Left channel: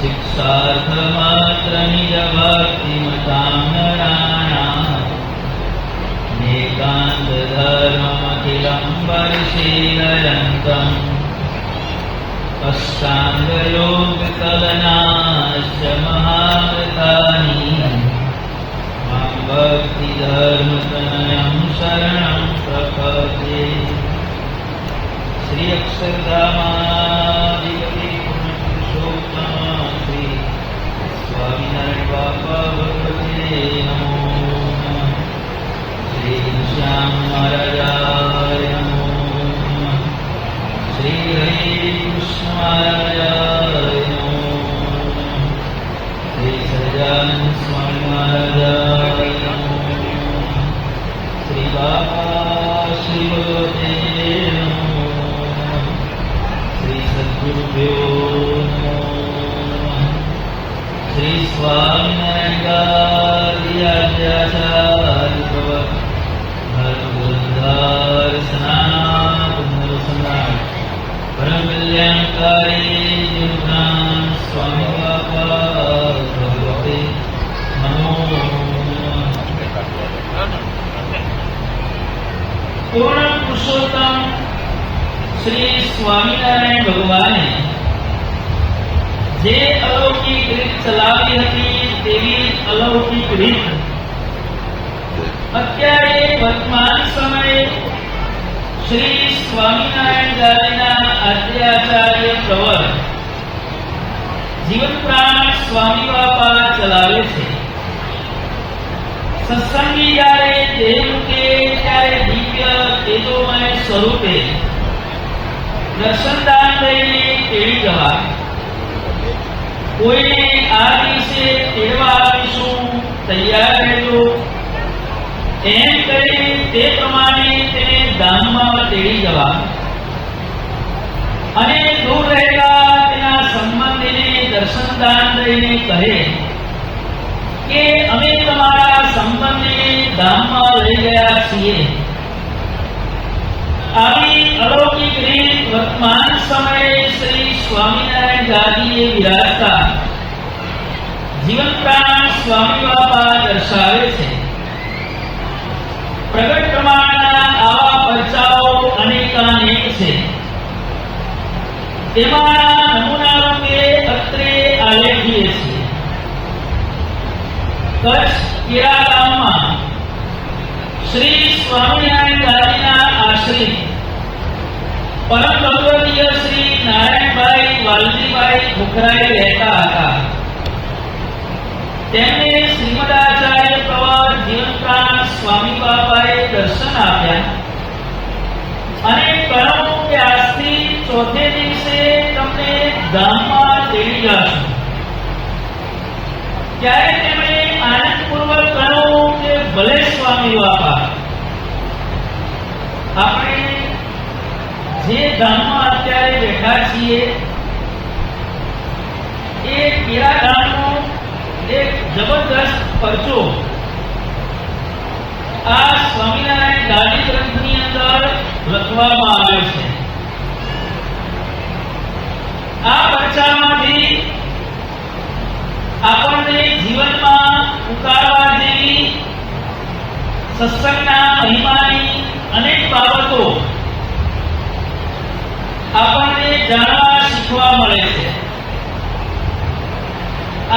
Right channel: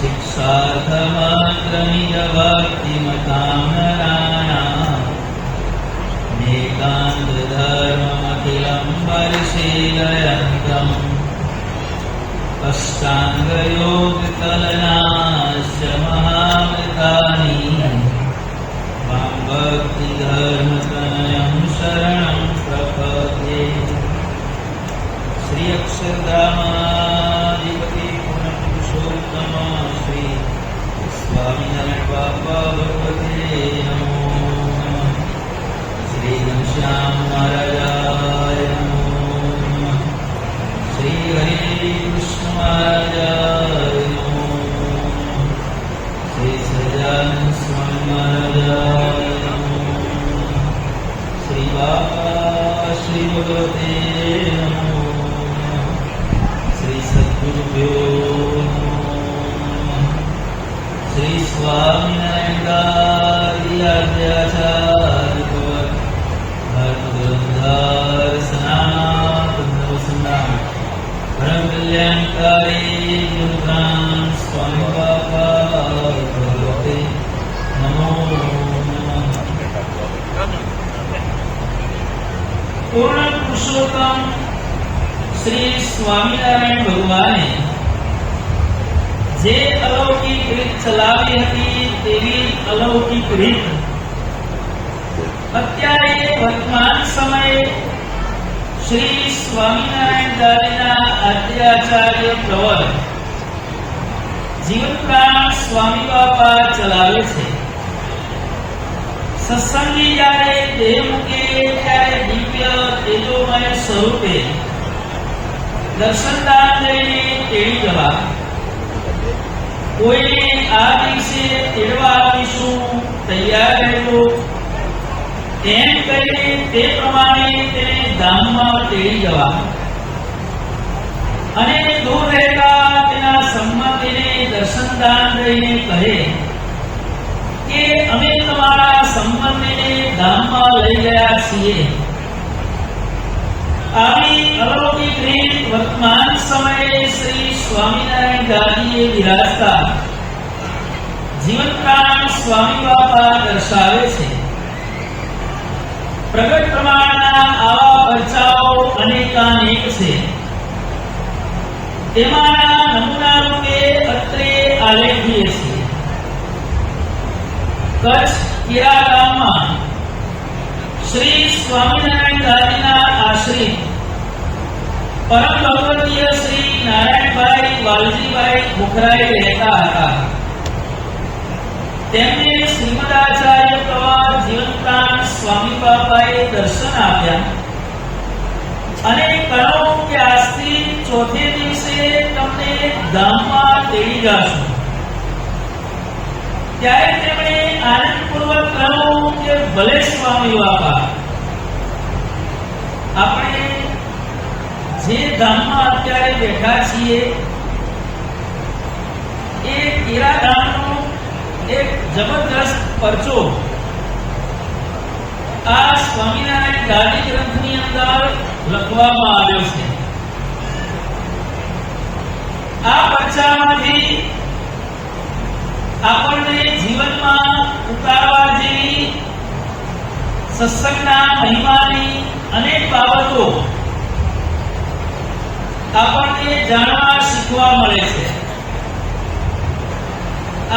शिक्षार्थमात्रनिजभक्तिमतां नराणाम् एकान्तधर्ममखिलं परिशीलयन्तम् अष्टाङ्गयोगकलनाश्च महाव्रतानि मां भक्तिधर्मतनयं शरणं प्रपद्ये। श्री अक्षरधामाधिपति पुरुषोत्तम श्री स्वामिनारायण बाबा भगवते नमो नमः। श्री घनश्याम महाराजाय नमो नमः। श्री हरि कृष्ण महाराजाय नमो नमः। श्री सच्चिदानंद स्वामी महाराजाय नमो नमः। श्री बाबा श्री भगवते नमो नमः। श्री सद्गुरुभ्यो नमो नमः। श्री स्वामिनारायणाचार्य धर्मग्रंथार सनातन परम कल्याणकारी जीवन स्वामी बाबा भगवते नमो नमः। पूर्ण पुरुषोत्तम श्री स्वामीनारायण भगवाने जे अलौकिक રીત ચલાવી હતી તેવી અલૌકિક રીત અત્યારે વર્તમાન સમયે શ્રી સ્વામિનારાયણ ગાદીના આદ્યાચાર્ય પ્રવર જીવન પ્રાણ સ્વામી બાપા ચલાવે છે। સત્સંગી જ્યારે દેહ મૂકે ત્યારે દિવ્ય તેજોમય સ્વરૂપે દર્શનદાન લઈને તેડી જવા। કોઈને આ દિવસે તેડવા આવીશું તૈયાર રહેજો એમ કરી તે પ્રમાણે તેને ધામમાં તેડી જવા અને દૂર રહેલા તેના સંબંધીને દર્શનદાન લઈને કહે કે અમે તમારા સંબંધીને ધામમાં લઈ ગયા છીએ। આવી અલૌકિક રીત વર્તમાન સમયે શ્રી સ્વામિનારાયણ ગાદીએ વિરાજતા જીવન પ્રાણ સ્વામી બાપા દર્શાવે છે। પ્રગટ પ્રમાણના આવા પરચાઓ અનેકાનેક છે। તેમાંના નમૂના રૂપે અત્રે આલેખીએ છીએ। કચ્છ કીરા ગામમાં શ્રી સ્વામિનારાયણ ગાદીના આશ્રિત પરમ ભગવદીય શ્રી નારાયણભાઈ વાલજીભાઈ ખોખરાએ રહેતા હતા। તેમને શ્રીમદાચાર્ય પ્રવર જીવન પ્રાણ સ્વામી બાપાએ દર્શન આપ્યા અને કહ્યું કે આજથી ચોથે દિવસે તમને ધામમાં તેડી જશું। ત્યારે તેમણે આનંદપૂર્વક કહ્યું કે ભલે સ્વામી બાપા, આપણે જે ધામમાં અત્યારે બેઠા છીએ એ કેરા ધામનો એક જબરદસ્ત પરચો આ સ્વામિનારાયણ ગાદી ગ્રંથની અંદર લખવામાં આવ્યો છે। આ પરચામાંથી આપણને જીવનમાં ઉતારવા જેવી સત્સંગના મહિમાની અનેક બાબતો આપણને જાણવા શીખવા મળે છે।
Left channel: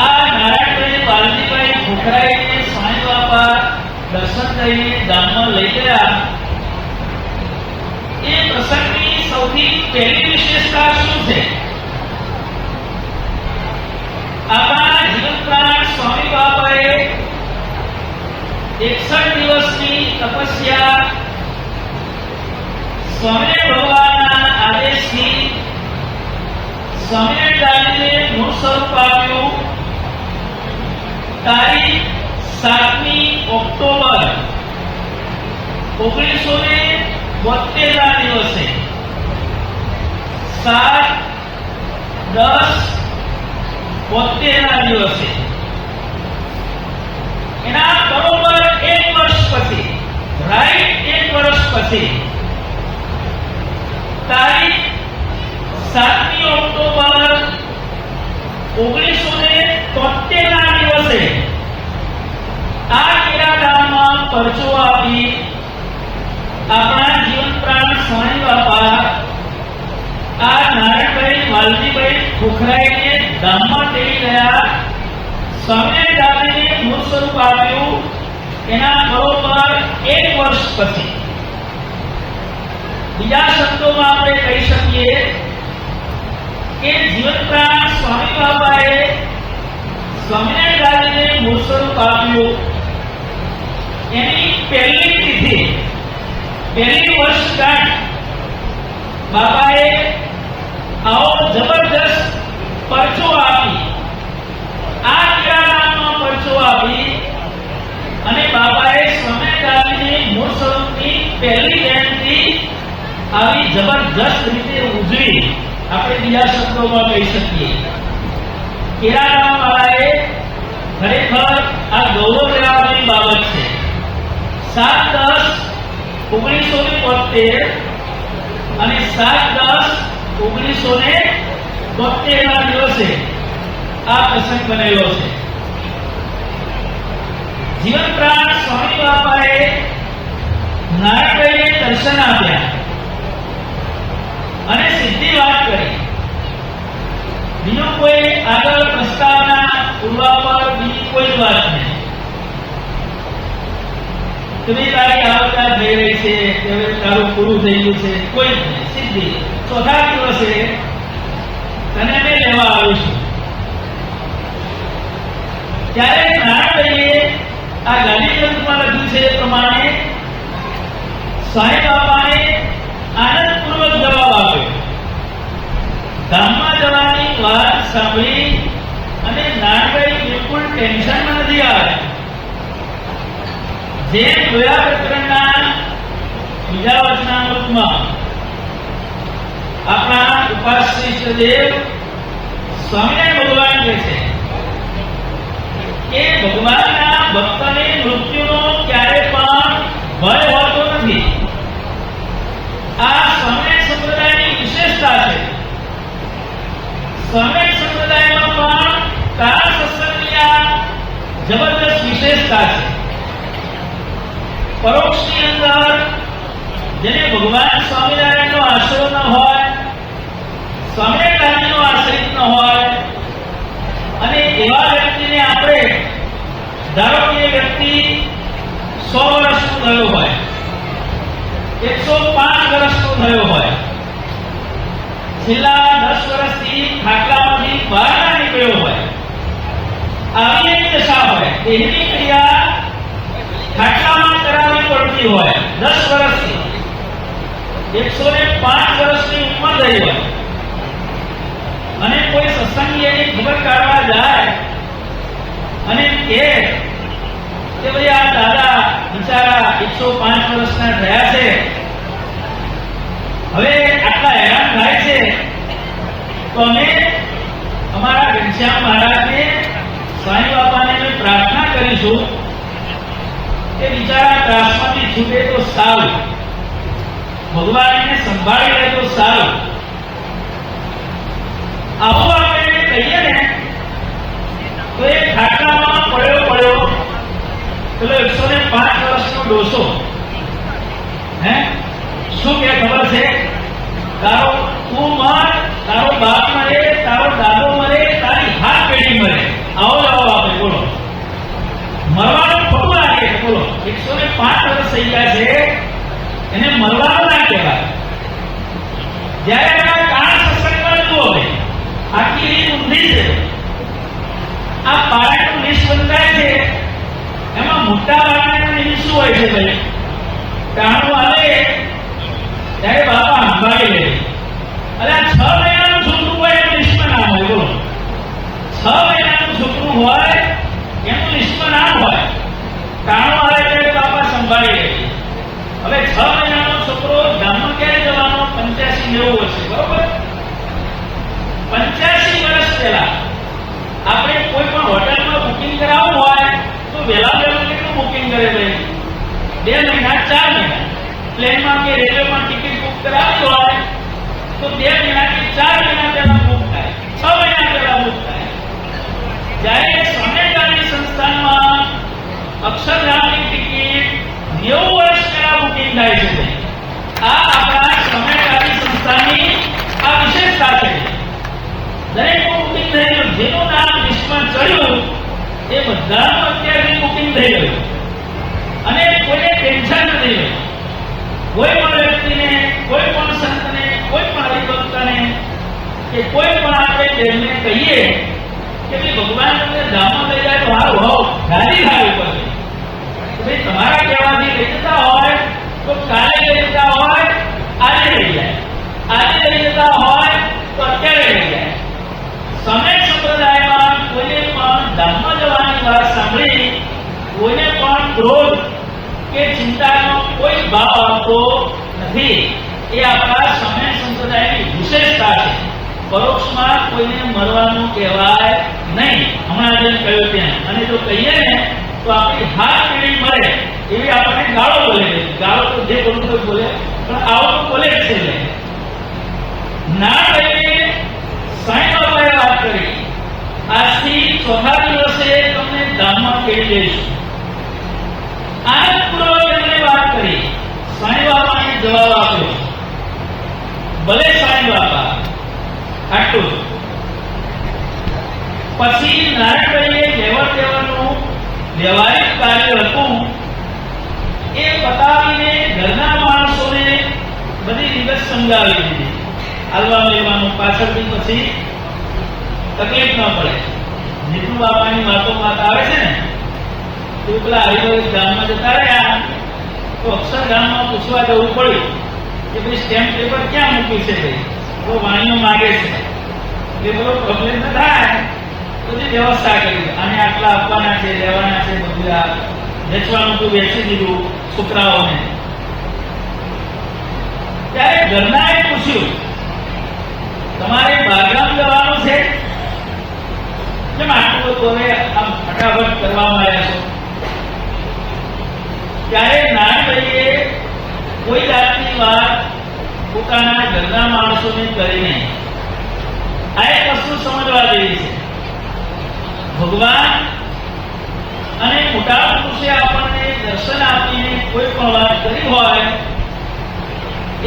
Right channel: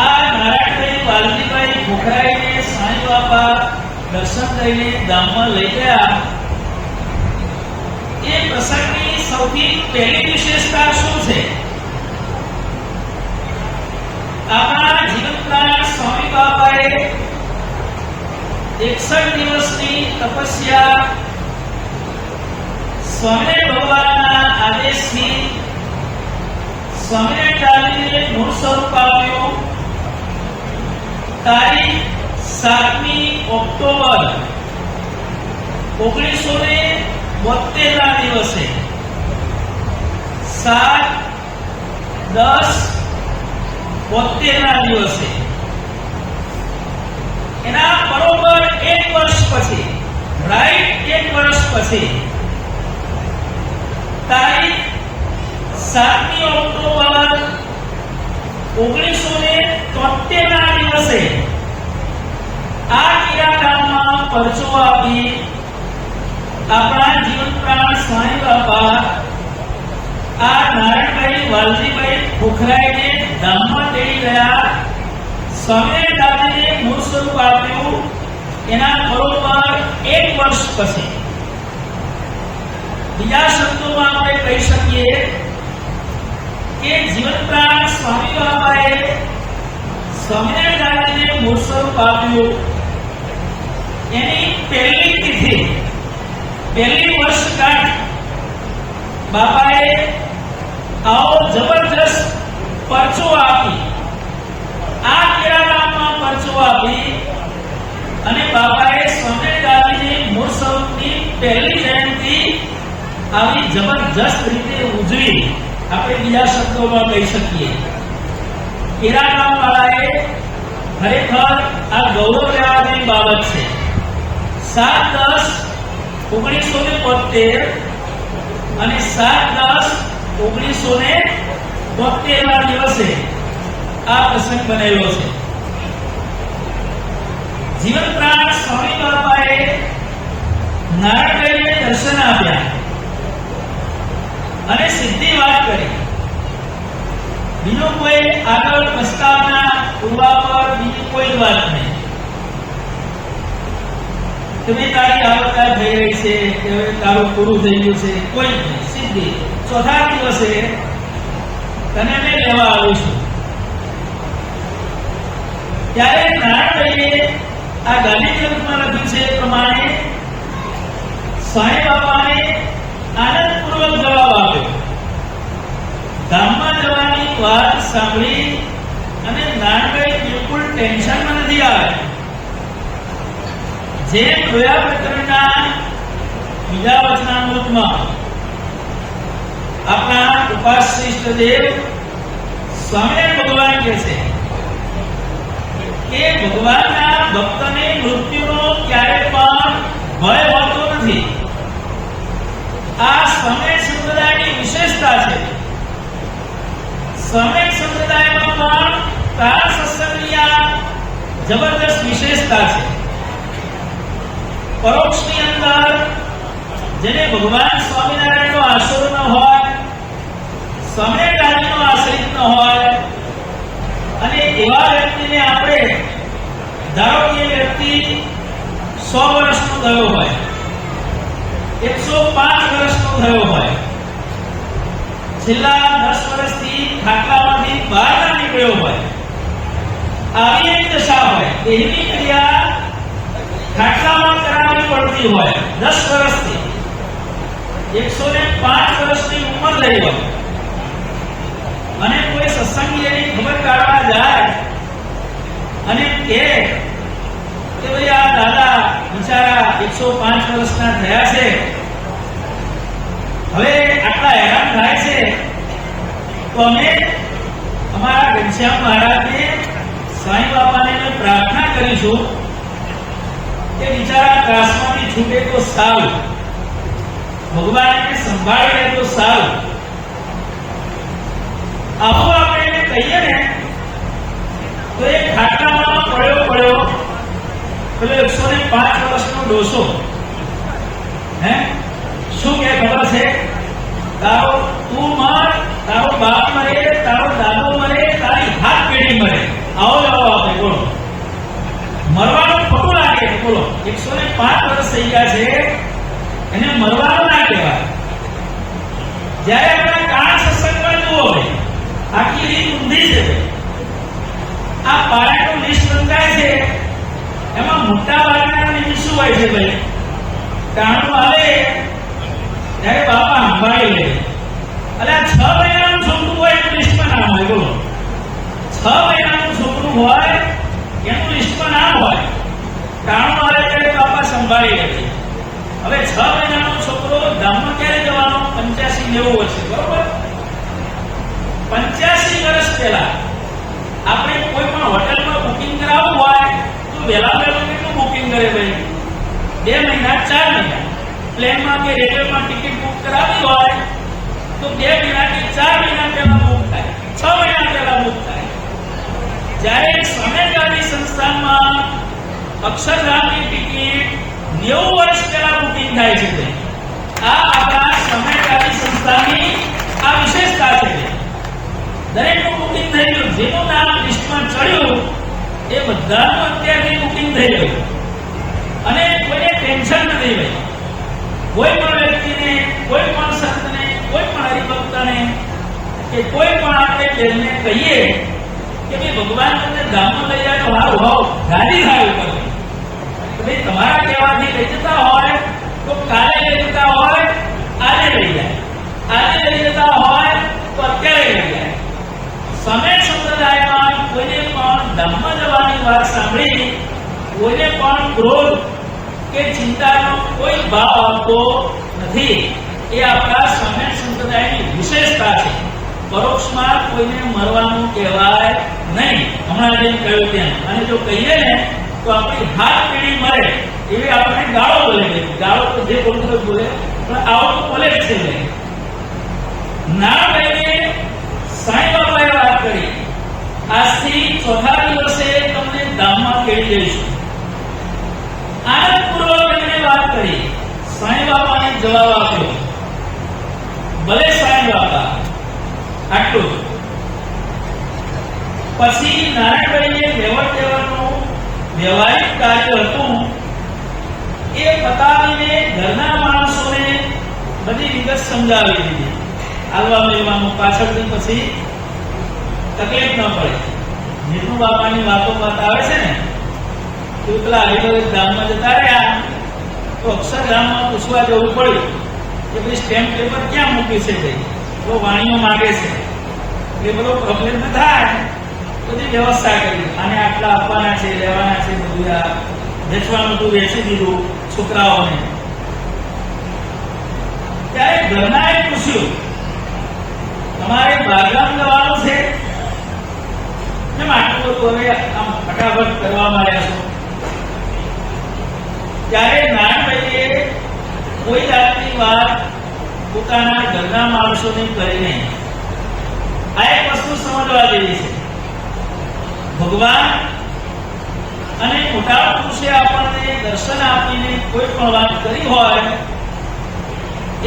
આ નારાયણભાઈ વાલજીભાઈ ખોખરાઈને સ્વામી બાપા દર્શન કરીને ધામમાં લઈ ગયા એ પ્રસંગની સૌથી પહેલી વિશેષતા શું છે? આપણા જીવન પ્રાણ સ્વામી બાપાએ 61 દિવસની તપસ્યા સ્વામી ભગવાનના આદેશથી સ્વામિનારાયણ ગાદીને મૂળ સ્વરૂપ આપ્યું। તારીખ 7મી ઓક્ટોબર 1972 ના દિવસે 7/10/72 ના દિવસે એના બરોબર 1 વર્ષ પછી, રાઈટ 1 વર્ષ પછી તારીખ 7મી ઓક્ટોબર 1973 દિવસે આ કેરા ગામમાં પરચો આપી આપણા જીવન પ્રાણ સ્વામી બાપા આ નારાયણભાઈ વાલજીભાઈ ખોખરાઈને ધામમાં તેડી ગયા. સ્વામિનારાયણ દાદાને મૂળ સ્વરૂપ આપ્યું એના બરોબર 1 વર્ષ પછી. બીજા શબ્દોમાં આપણે કહી શકીએ કે જીવન પ્રાણ સ્વામી બાપાએ સ્વામિનારાયણ દાદાને મૂળ સ્વરૂપ આપ્યું એની પહેલી તિથિ, પહેલી વર્ષગાંઠ બાપાએ આવો જબરજસ્ત પરચો આપી, આ કેરાલામાં પરચો આપી અને બાપાએ સ્વામિનારાયણની મૂળ સ્વરૂપની પહેલી જયંતિ આવી જબરજસ્ત રીતે ઉજવી. આપણે બીજા શબ્દોમાં કહી શકીએ કેરાલામ વાળાએ ખરેખર આ ગૌરવ લેવાની બાબત છે. 7/10/1972 અને 7/10/1972 ના દિવસે આ પ્રસંગ બનેલો છે. જીવન પ્રાણ સ્વામી બાપાએ નારાયણભાઈને દર્શન આપ્યા અને સીધી વાત કરી. બીજો કોઈ આગળ પ્રસ્તાવના પૂર્વાપર બીજી કોઈ વાત નહીં. તમે તારી આવતા થઈ રહી છે, હવે તારું પૂરું થઈ ગયું છે, કોઈ જ નહીં. સીધી ચોથા દિવસે તને અમે લેવા આવું છું. ત્યારે નારાયણભાઈએ આ ગાંધી ગ્રંથમાં લખ્યું છે એ પ્રમાણે સ્વામી બાપાએ આનંદપૂર્વક જવાબ આપ્યો. ધામમાં જવાની વાત સાંભળી અને નારાયણભાઈ બિલકુલ ટેન્શનમાં નથી આવ્યા. જે જોયા પ્રકરણના બીજા વચનામૃતમાં આપણા ઉપાસ્ય ઈષ્ટદેવ સ્વામિનારાયણ ભગવાન કહે છે કે ભગવાનના ભક્તને મૃત્યુનો ક્યારે પણ ભય હોતો નથી. આ સ્વામિનારાયણ સંપ્રદાયની વિશેષતા છે. સ્વામિનારાયણ સંપ્રદાયમાં પણ તારા સત્સંગની આ જબરદસ્ત વિશેષતા છે. પરોક્ષની અંદર જેને ભગવાન સ્વામિનારાયણનો આશરો ન હોય, સ્વામિનારાયણનો આશ્રિત ન હોય અને એવા વ્યક્તિને આપણે ધારો કે વ્યક્તિ 100 વર્ષનો થયો હોય, 105 વર્ષનો થયો હોય, છેલ્લા 10 વર્ષથી ખાટલામાંથી બહાર ના નીકળ્યો હોય, આવી એક દશા હોય, દેહની ક્રિયા ખાટલામાં કરાવવી પડતી હોય 10 વર્ષથી, 105 વર્ષની ઉંમર થઈ હોય અને કોઈ સત્સંગી એની ખબર કાઢવા જાય અને કે ભાઈ આ દાદા બિચારા 105 વર્ષના થયા છે, હવે આટલા હેરાન થાય છે, તો અમે અમારા ઘનશ્યામ મહારાજને સ્વામી બાપાને પ્રાર્થના કરીશું કે બિચારા ત્રાસમાંથી છૂટે તો સારું, ભગવાન એને સંભાળી લે તો સારું. આવું આપણે કહીએ ને તો એ ખાટલામાં પડ્યો પેલો 105 વર્ષનો ડોસો શું કે ખબર છે, તારો તું મર, તારો બાપ મરે, તારો દાદો મરે, તારી હાથ પેઢી મરે, આવો લાવો આપણે બોલો. મરવાનું ખોટું લાગે, બોલો 105 વર્ષ થઈ ગયા છે એને મરવાનું ના કહેવાય. જયારે આપણે કાળ સત્સંગમાં જુઓ આખી રીત ઊંધી છે. આ પારાનું લિસ્ટ બંધાય છે એમાં મોટા ભાગના નિમિત્ત શું હોય છે ભાઈ, કાણું આવે ત્યારે બાપા સંભાળી લે. એટલે 6 મહિનાનું છોકરું હોય એનું લિસ્ટમાં નામ હોય, બોલો 6 મહિનાનું છોકરું હોય એનું લિસ્ટમાં નામ હોય, કાણું આવે ત્યારે બાપા સંભાળી લે. હવે 6 મહિનાનો છોકરો ધામમાં ક્યારે જવાનો, 85-90 વર્ષે, બરોબર. 85 વર્ષ પહેલા આપણે કોઈ પણ હોટલમાં બુકિંગ કરાવવું હોય તો વહેલા કેટલું બુકિંગ કરે ભાઈ, 2 મહિના 4 મહિના. પ્લેનમાં કે રેલવેમાં ટિકિટ બુક કરાવી હોય તો 2 મહિના કે 4 મહિના પહેલા બુક થાય, 6 મહિના પહેલા બુક થાય. અક્ષરધામની ટિકિટ 90 વર્ષ પહેલા બુકિંગ થાય છે ભાઈ. આ આપણા સમયકારી સંસ્થાની આ વિશેષતા છે. દરેકનું બુકિંગ થઈ ગયું, જેનું નામ લિસ્ટમાં ચડ્યું એ બધાનું અત્યારથી બુકિંગ થઈ ગયું અને કોઈને ટેન્શન નથી ભાઈ. કોઈ પણ વ્યક્તિને, કોઈ પણ સંતને, કોઈ પણ હરિભક્તને કે કોઈ પણ આપણે તેમને કહીએ કે ભાઈ ભગવાન તમને ધામમાં લઈ જાય તો સારું હોવ, ગાડી સારી પડે. ભાઈ તમારા કહેવાથી લઈ જતા હોય તો કાલે લઈ જતા હોય, આજે લઈ જાય, આજે લઈ જતા હોય તો અત્યારે લઈ જાય. સમય સંપ્રદાયમાં કોઈને પણ ધામમાં જવાની વાત સાંભળી કોઈને પણ ક્રોધ કે ચિંતાનો કોઈ ભાવ આવતો નથી. એ આપણા સમય સંપ્રદાયની વિશેષતા છે. પરોક્ષમાં કોઈને મરવાનું કહેવાય નહીં, હમણાં જેમ કહ્યું તેમ. અને જો કહીએ ને તો આપણી હાથ પેઢી મરે એવી આપણને ગાળો બોલે છે. ગાળો તો જે બોલતો બોલે, પણ આવો બોલે જ છે. ના કહીએ સાંઈ બાબાએ વાત કરી, આજથી ચોથા દિવસે તમને ધામમાં કેળી જઈશું. આનંદપૂર્વક એમને વાત કરી. સાંઈ બાબાએ જવાબ આપ્યો, ભલે સાંઈ બાબા, આટલું. પછી નારાયણભાઈએ લેવડ દેવડનું વ્યવહારિક કાર્ય હતું એ બતાવીને ઘરના માણસોને બધી વિગત સમજાવી દીધી. હાલવા લેવાનું પાછળથી પછી તકલીફ ન પડે. જીતુ બાપાની વાતો વાત આવે છે ને, તો પેલા હરિભગત ધામમાં જતા રહ્યા તો અક્ષરધામમાં પૂછવા જવું પડ્યું કે ભાઈ સ્ટેમ્પ પેપર ક્યાં મૂકી છે ભાઈ, તો વાણીઓ માગે છે. એ બધો પ્રોબ્લેમ ન થાય, બધી વ્યવસ્થા કરી. અને આટલા આપવાના છે, લેવાના છે, બધું આ વેચવાનું તો વેચી દીધું છોકરાઓને. ત્યારે ઘરનાએ પૂછ્યું, તમારે બાગરામ જવાનું છે, કેમ આટલું તો હવે આમ ફટાફટ કરવામાં આવ્યા છો? ત્યારે નારાયણભાઈએ કોઈ જાતની વાત પોતાના ઘરના માણસોને કરી નહીં. આ એક વસ્તુ સમજવા જેવી છે. ભગવાન અને મોટા પુરુષે આપણને દર્શન આપીને કોઈ પણ વાત કરી હોય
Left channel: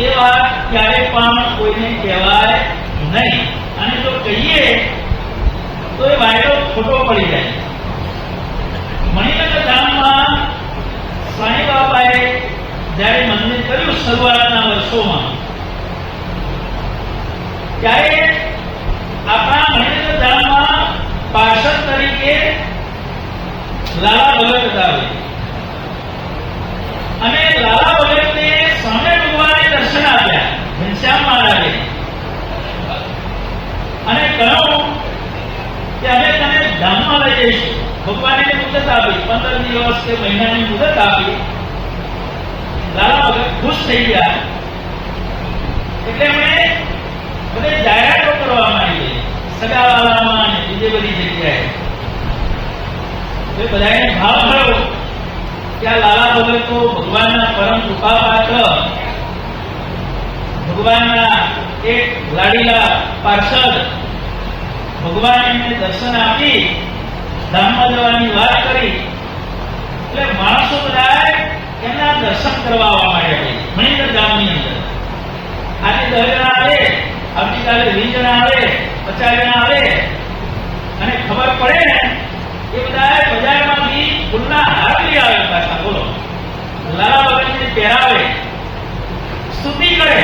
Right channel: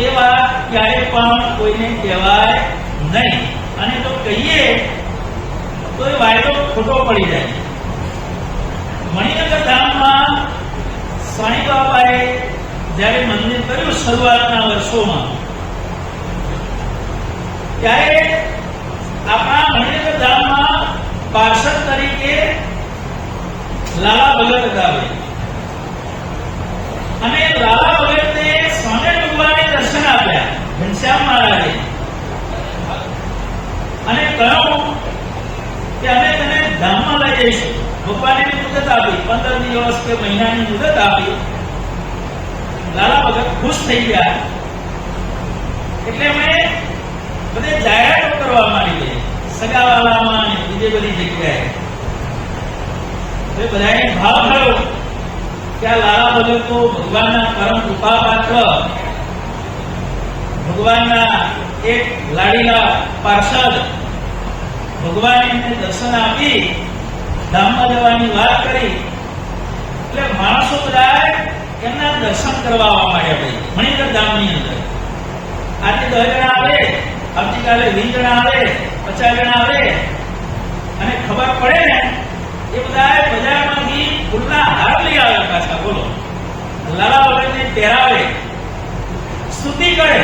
એ વાત ક્યારે પણ કોઈને કહેવાય નહીં. અને જો કહીએ તો એ વાયદો ખોટો પડી જાય. મણિનગર ધામમાં સાંઈ બાબાએ જ્યારે મંદિર કર્યું શરૂઆતના વર્ષોમાં, ત્યારે આપણા મણિનગર ધામમાં પાર્ષદ તરીકે લાલા ભગત હતા. અને લાલા ભગતને સામે ભગવાને દર્શન આપ્યા ઘનશ્યામ મહારાજે, અને કહ્યું કે અમે તને ધામમાં લઈ જઈશું. ભગવાને મુદત આપી, 15 દિવસ કે મહિનાની મુદત આપી. લાલા ભગત ખુશ થઈ ગયા. એટલે મેં બધે જાહેરાતો કરવા માંડી, સગાવાલામાં અને બીજી બધી જગ્યાએ. બધાને ભાવ થયો કે આ લાલા ભગત તો ભગવાનના પરમ કૃપા પાત્ર, ભગવાનના એક લાડીલા પાર્ષદ. ભગવાન એમને દર્શન આપી ધામમાં જવાની વાત કરી એટલે માણસો બધા એમના દર્શન કરવા આવવા માંડ્યા. મણિનગર ધામની અંદર આજે 10 જણા આવે, આવતીકાલે 20 જણા આવે, 50 જણા આવે. અને ખબર પડે ને એ બધા બજારમાંથી ફૂલના હાર લઈ આવે પાછા. બોલો, લાલા ભગતને પહેરાવે, સ્તુતિ કરે.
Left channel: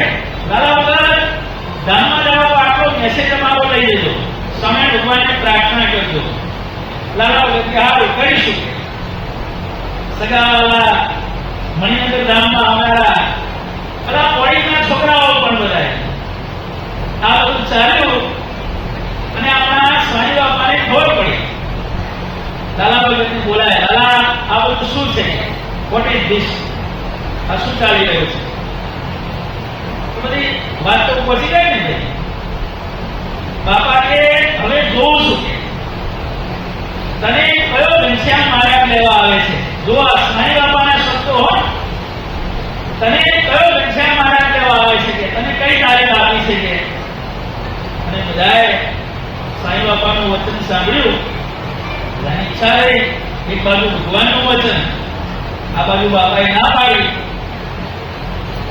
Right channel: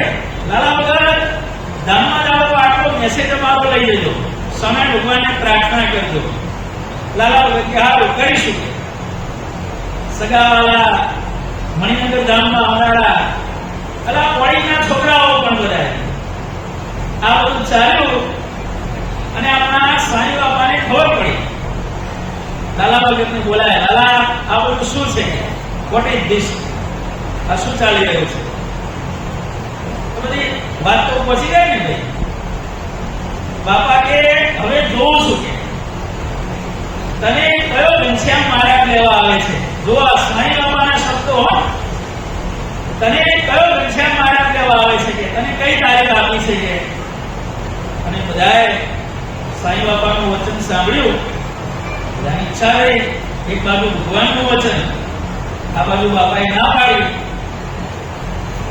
લાલા ભગત ધામમાં જાઓ તો આટલો મેસેજ અમારો લઈ જજો, સમય ભગવાનને પ્રાર્થના કરજો. લાલા ભગત કે હા કરીશું. સગાવાલા મણિનગર ધામમાં આવનારા અલા પોળીના છોકરાઓ પણ બધા આ બધું ચાલ્યું. અને આપણા સાંઈ બાપાને ખબર પડી. લાલા ભગતને બોલાય, લાલા આ બધું શું છે? What is this? આ શું ચાલી રહ્યું છે? બધી વાત તો પહોંચી ગઈ ને ભાઈ. બાપા કે હવે જોઉં છું તને કયો ઘનશ્યામ મહારાજ લેવા આવે છે. જો આ સાંઈ બાપાના શબ્દો હોય, તને કયો ઘનશ્યામ મહારાજ લેવા આવે છે, કે તને કઈ તારીખ આપી છે કે? અને બધાએ સાંઈ બાપાનું વચન સાંભળ્યું. બધાની ઈચ્છા રહી એક બાજુ ભગવાનનું વચન, આ બાજુ બાપાએ ના પાડી,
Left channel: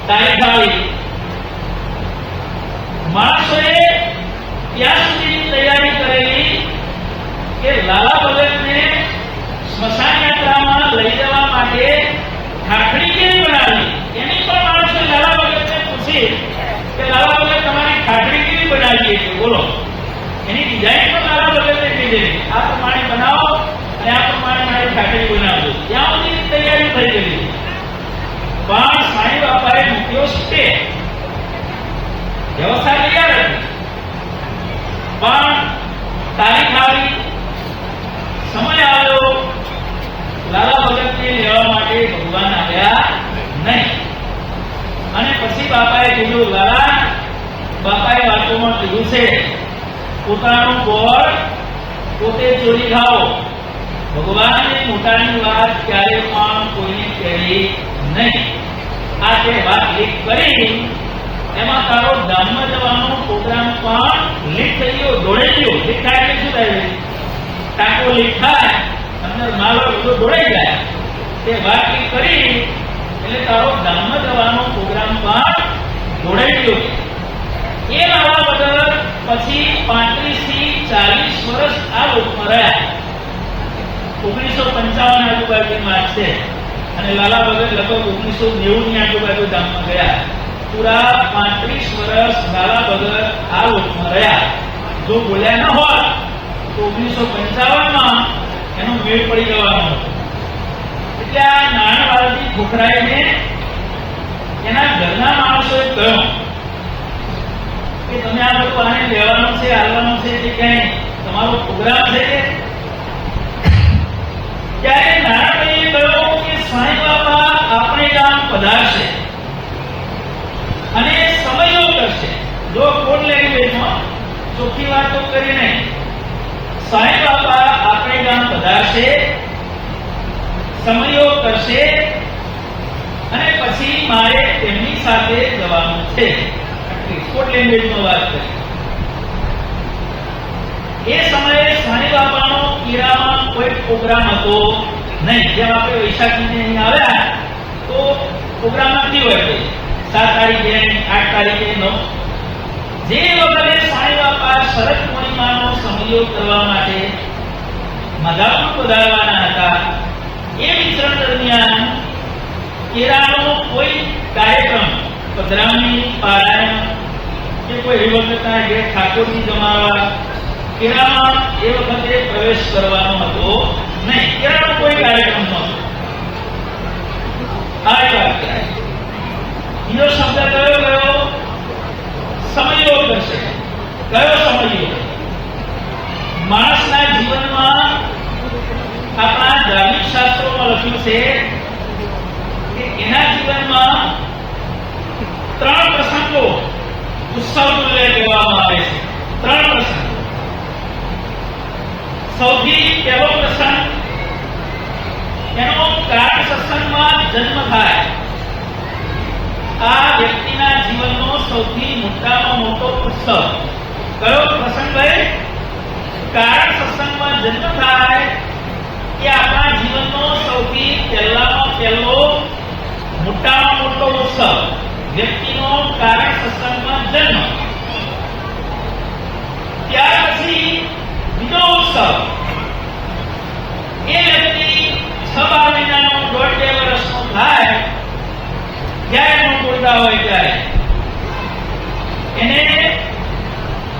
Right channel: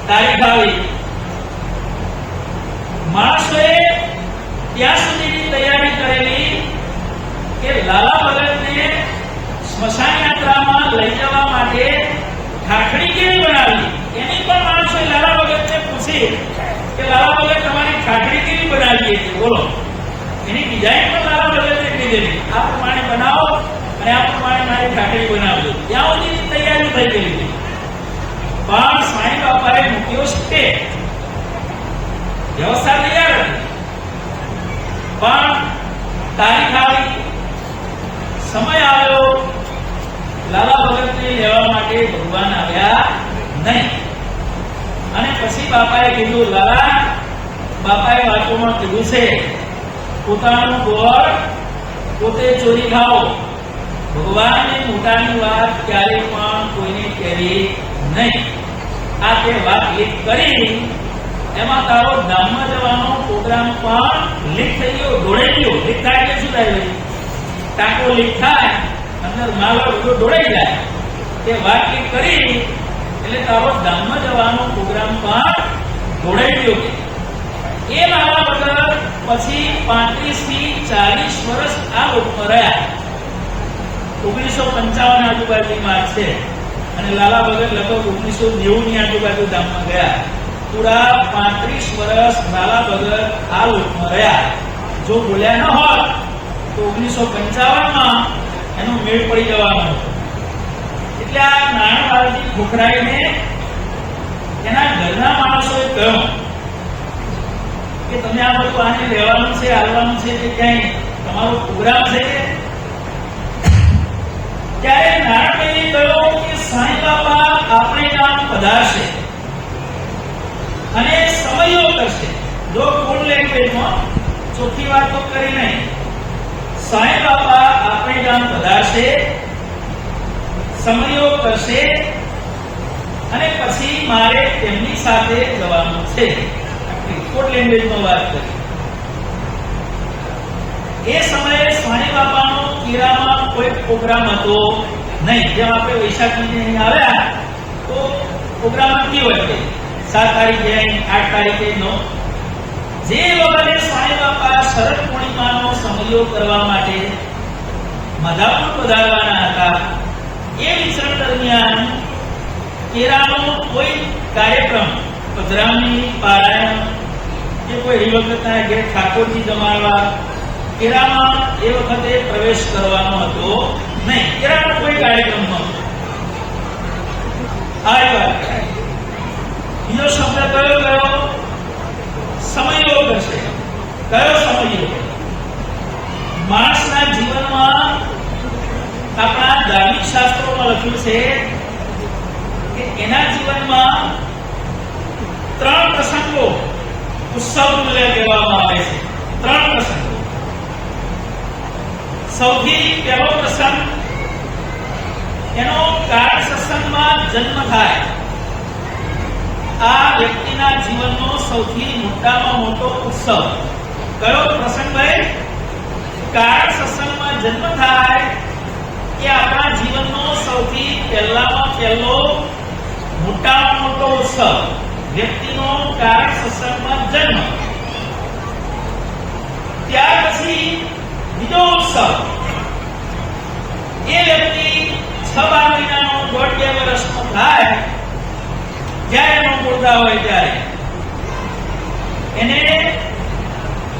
તારીખ આવી. માણસોએ ત્યાં સુધીની તૈયારી કરેલી કે લાલા ભગતને સ્મશાન યાત્રામાં લઈ જવા માટે ઠાકડી કેવી બનાવી, એની પણ માણસોએ લાલા ભગતને પૂછી કે લાલા ભગત તમારી ઠાકડી કેવી બનાવી છે, બોલો. એની ડિઝાઇન પણ લાલા ભગતે કીધેલી, આ પ્રમાણે બનાવો અને આ પ્રમાણે મારી ઠાકડી બનાવજો. ત્યાં સુધીની તૈયારી થઈ ગયેલી. પણ સ્વામી બાપાએ મૂક્યો છે વ્યવસ્થા તૈયાર હતી, પણ તારીખ આવી, સમય આવ્યો, લાલા ભગતને લેવા માટે ભગવાન આવ્યા નહીં. અને પછી બાપાએ કીધું, લાલા, બાપાએ વાતોમાં કીધું છે પોતાનું ગોળ પોતે ચોરી ખાઓ, ભગવાનને મોટાની વાત ક્યારે પણ કોઈને કહેવી નહીં. આ તે વાત લીક કરી, એમાં તારો ધામમાં જવાનો પ્રોગ્રામ પણ લીક થઈ ગયો, દોડાઈ ગયો. લીક થાય એટલે શું થાય? ટાંકો લીક થાય, અંદર માલ બધો દોડાઈ જાય. તે વાત લીક કરી એટલે તારો ધામમાં જવાનો પ્રોગ્રામ પણ દોડાઈ ગયો. એ લાલા વગર પછી 35 થી 40 વર્ષ આ લોકમાં રહ્યા. 1955 આજુબાજુની વાત છે અને લાલા ભગત લગભગ 1990 ની આજુબાજુ ધામમાં ગયા. પૂરા 35 વર્ષ લાલા ભગત આ લોકમાં રહ્યા. જો બોલ્યા ન હોત તો 1955માં એનો મેળ પડી જવાનો હતો. એટલે આ નાના બાળથી ખોખરાઈને એના ઘરના માણસોએ કહ્યું કે તમે આ બધું આને લેવાનું છે, હાલવાનું છે કે ક્યાંય તમારો પ્રોગ્રામ છે. ત્યારે નારાયણભાઈએ કહ્યું કે સાંઈ બાપા આપણે ગામ પધારશે અને સમયો કરશે. જો કોડ લેંગ્વેજમાં ચોખ્ખી વાત તો કરી નહીં. સાંઈ બાપા આપણે ગામ પધારશે, સમયો કરશે અને પછી મારે તેમની સાથે જવાનું છે. કોડ લેંગ્વેજમાં વાત કરી. એ સમયે સ્વામી બાપાનો કીરામાં કોઈ પ્રોગ્રામ હતો નહીં. જેમ આપણે વૈશાખીને અહીં આવ્યા તો પ્રોગ્રામ નથી હોય, 7 તારીખે 8 તારીખે 9. જે વખતે સ્વામી બાપા શરદ પૂર્ણિમાનો સમયો કરવા માટે માધાપુર પધારવાના હતા, એ વિચરણ દરમિયાન કેરાનો કોઈ કાર્યક્રમ, પધરામણી, પારાયણ કે કોઈ હરિભક્તના ઘેર ઠાકોરજી જમાડવા, કેરામાં એ વખતે પ્રવેશ કરવાનો હતો નહીં. કેરાનો કોઈ કાર્યક્રમ નહોતો. આ વાત બીજો શબ્દ કયો? સમયો કરશે. કયો સમયો? માણસના જીવનમાં આપણા ધાર્મિક શાસ્ત્રોમાં લખ્યું છે કે એના જીવનમાં 3 પ્રસંગો ઉત્સવ તુલ્ય કહેવામાં આવે છે. 3 પ્રસંગો. સૌથી પહેલો પ્રસંગ એનો કારણ સત્સંગમાં જન્મ થાય. આ વ્યક્તિના જીવનનો સૌથી મોટામાં મોટો ઉત્સવ. કયો પ્રસંગ ભાઈ? કારણ સત્સંગમાં જન્મ થાય કે આપણા જીવનનો સૌથી પહેલામાં પહેલો મોટામાં મોટો ઉત્સવ, વ્યક્તિનો કારણ સત્સંગમાં જન્મ. ત્યાર પછી બીજો ઉત્સવ, એ વ્યક્તિ 6-12 મહિનાનો, 1.5-2 વર્ષનો થાય, જ્યારે એનો મુર્દા હોય ત્યારે એને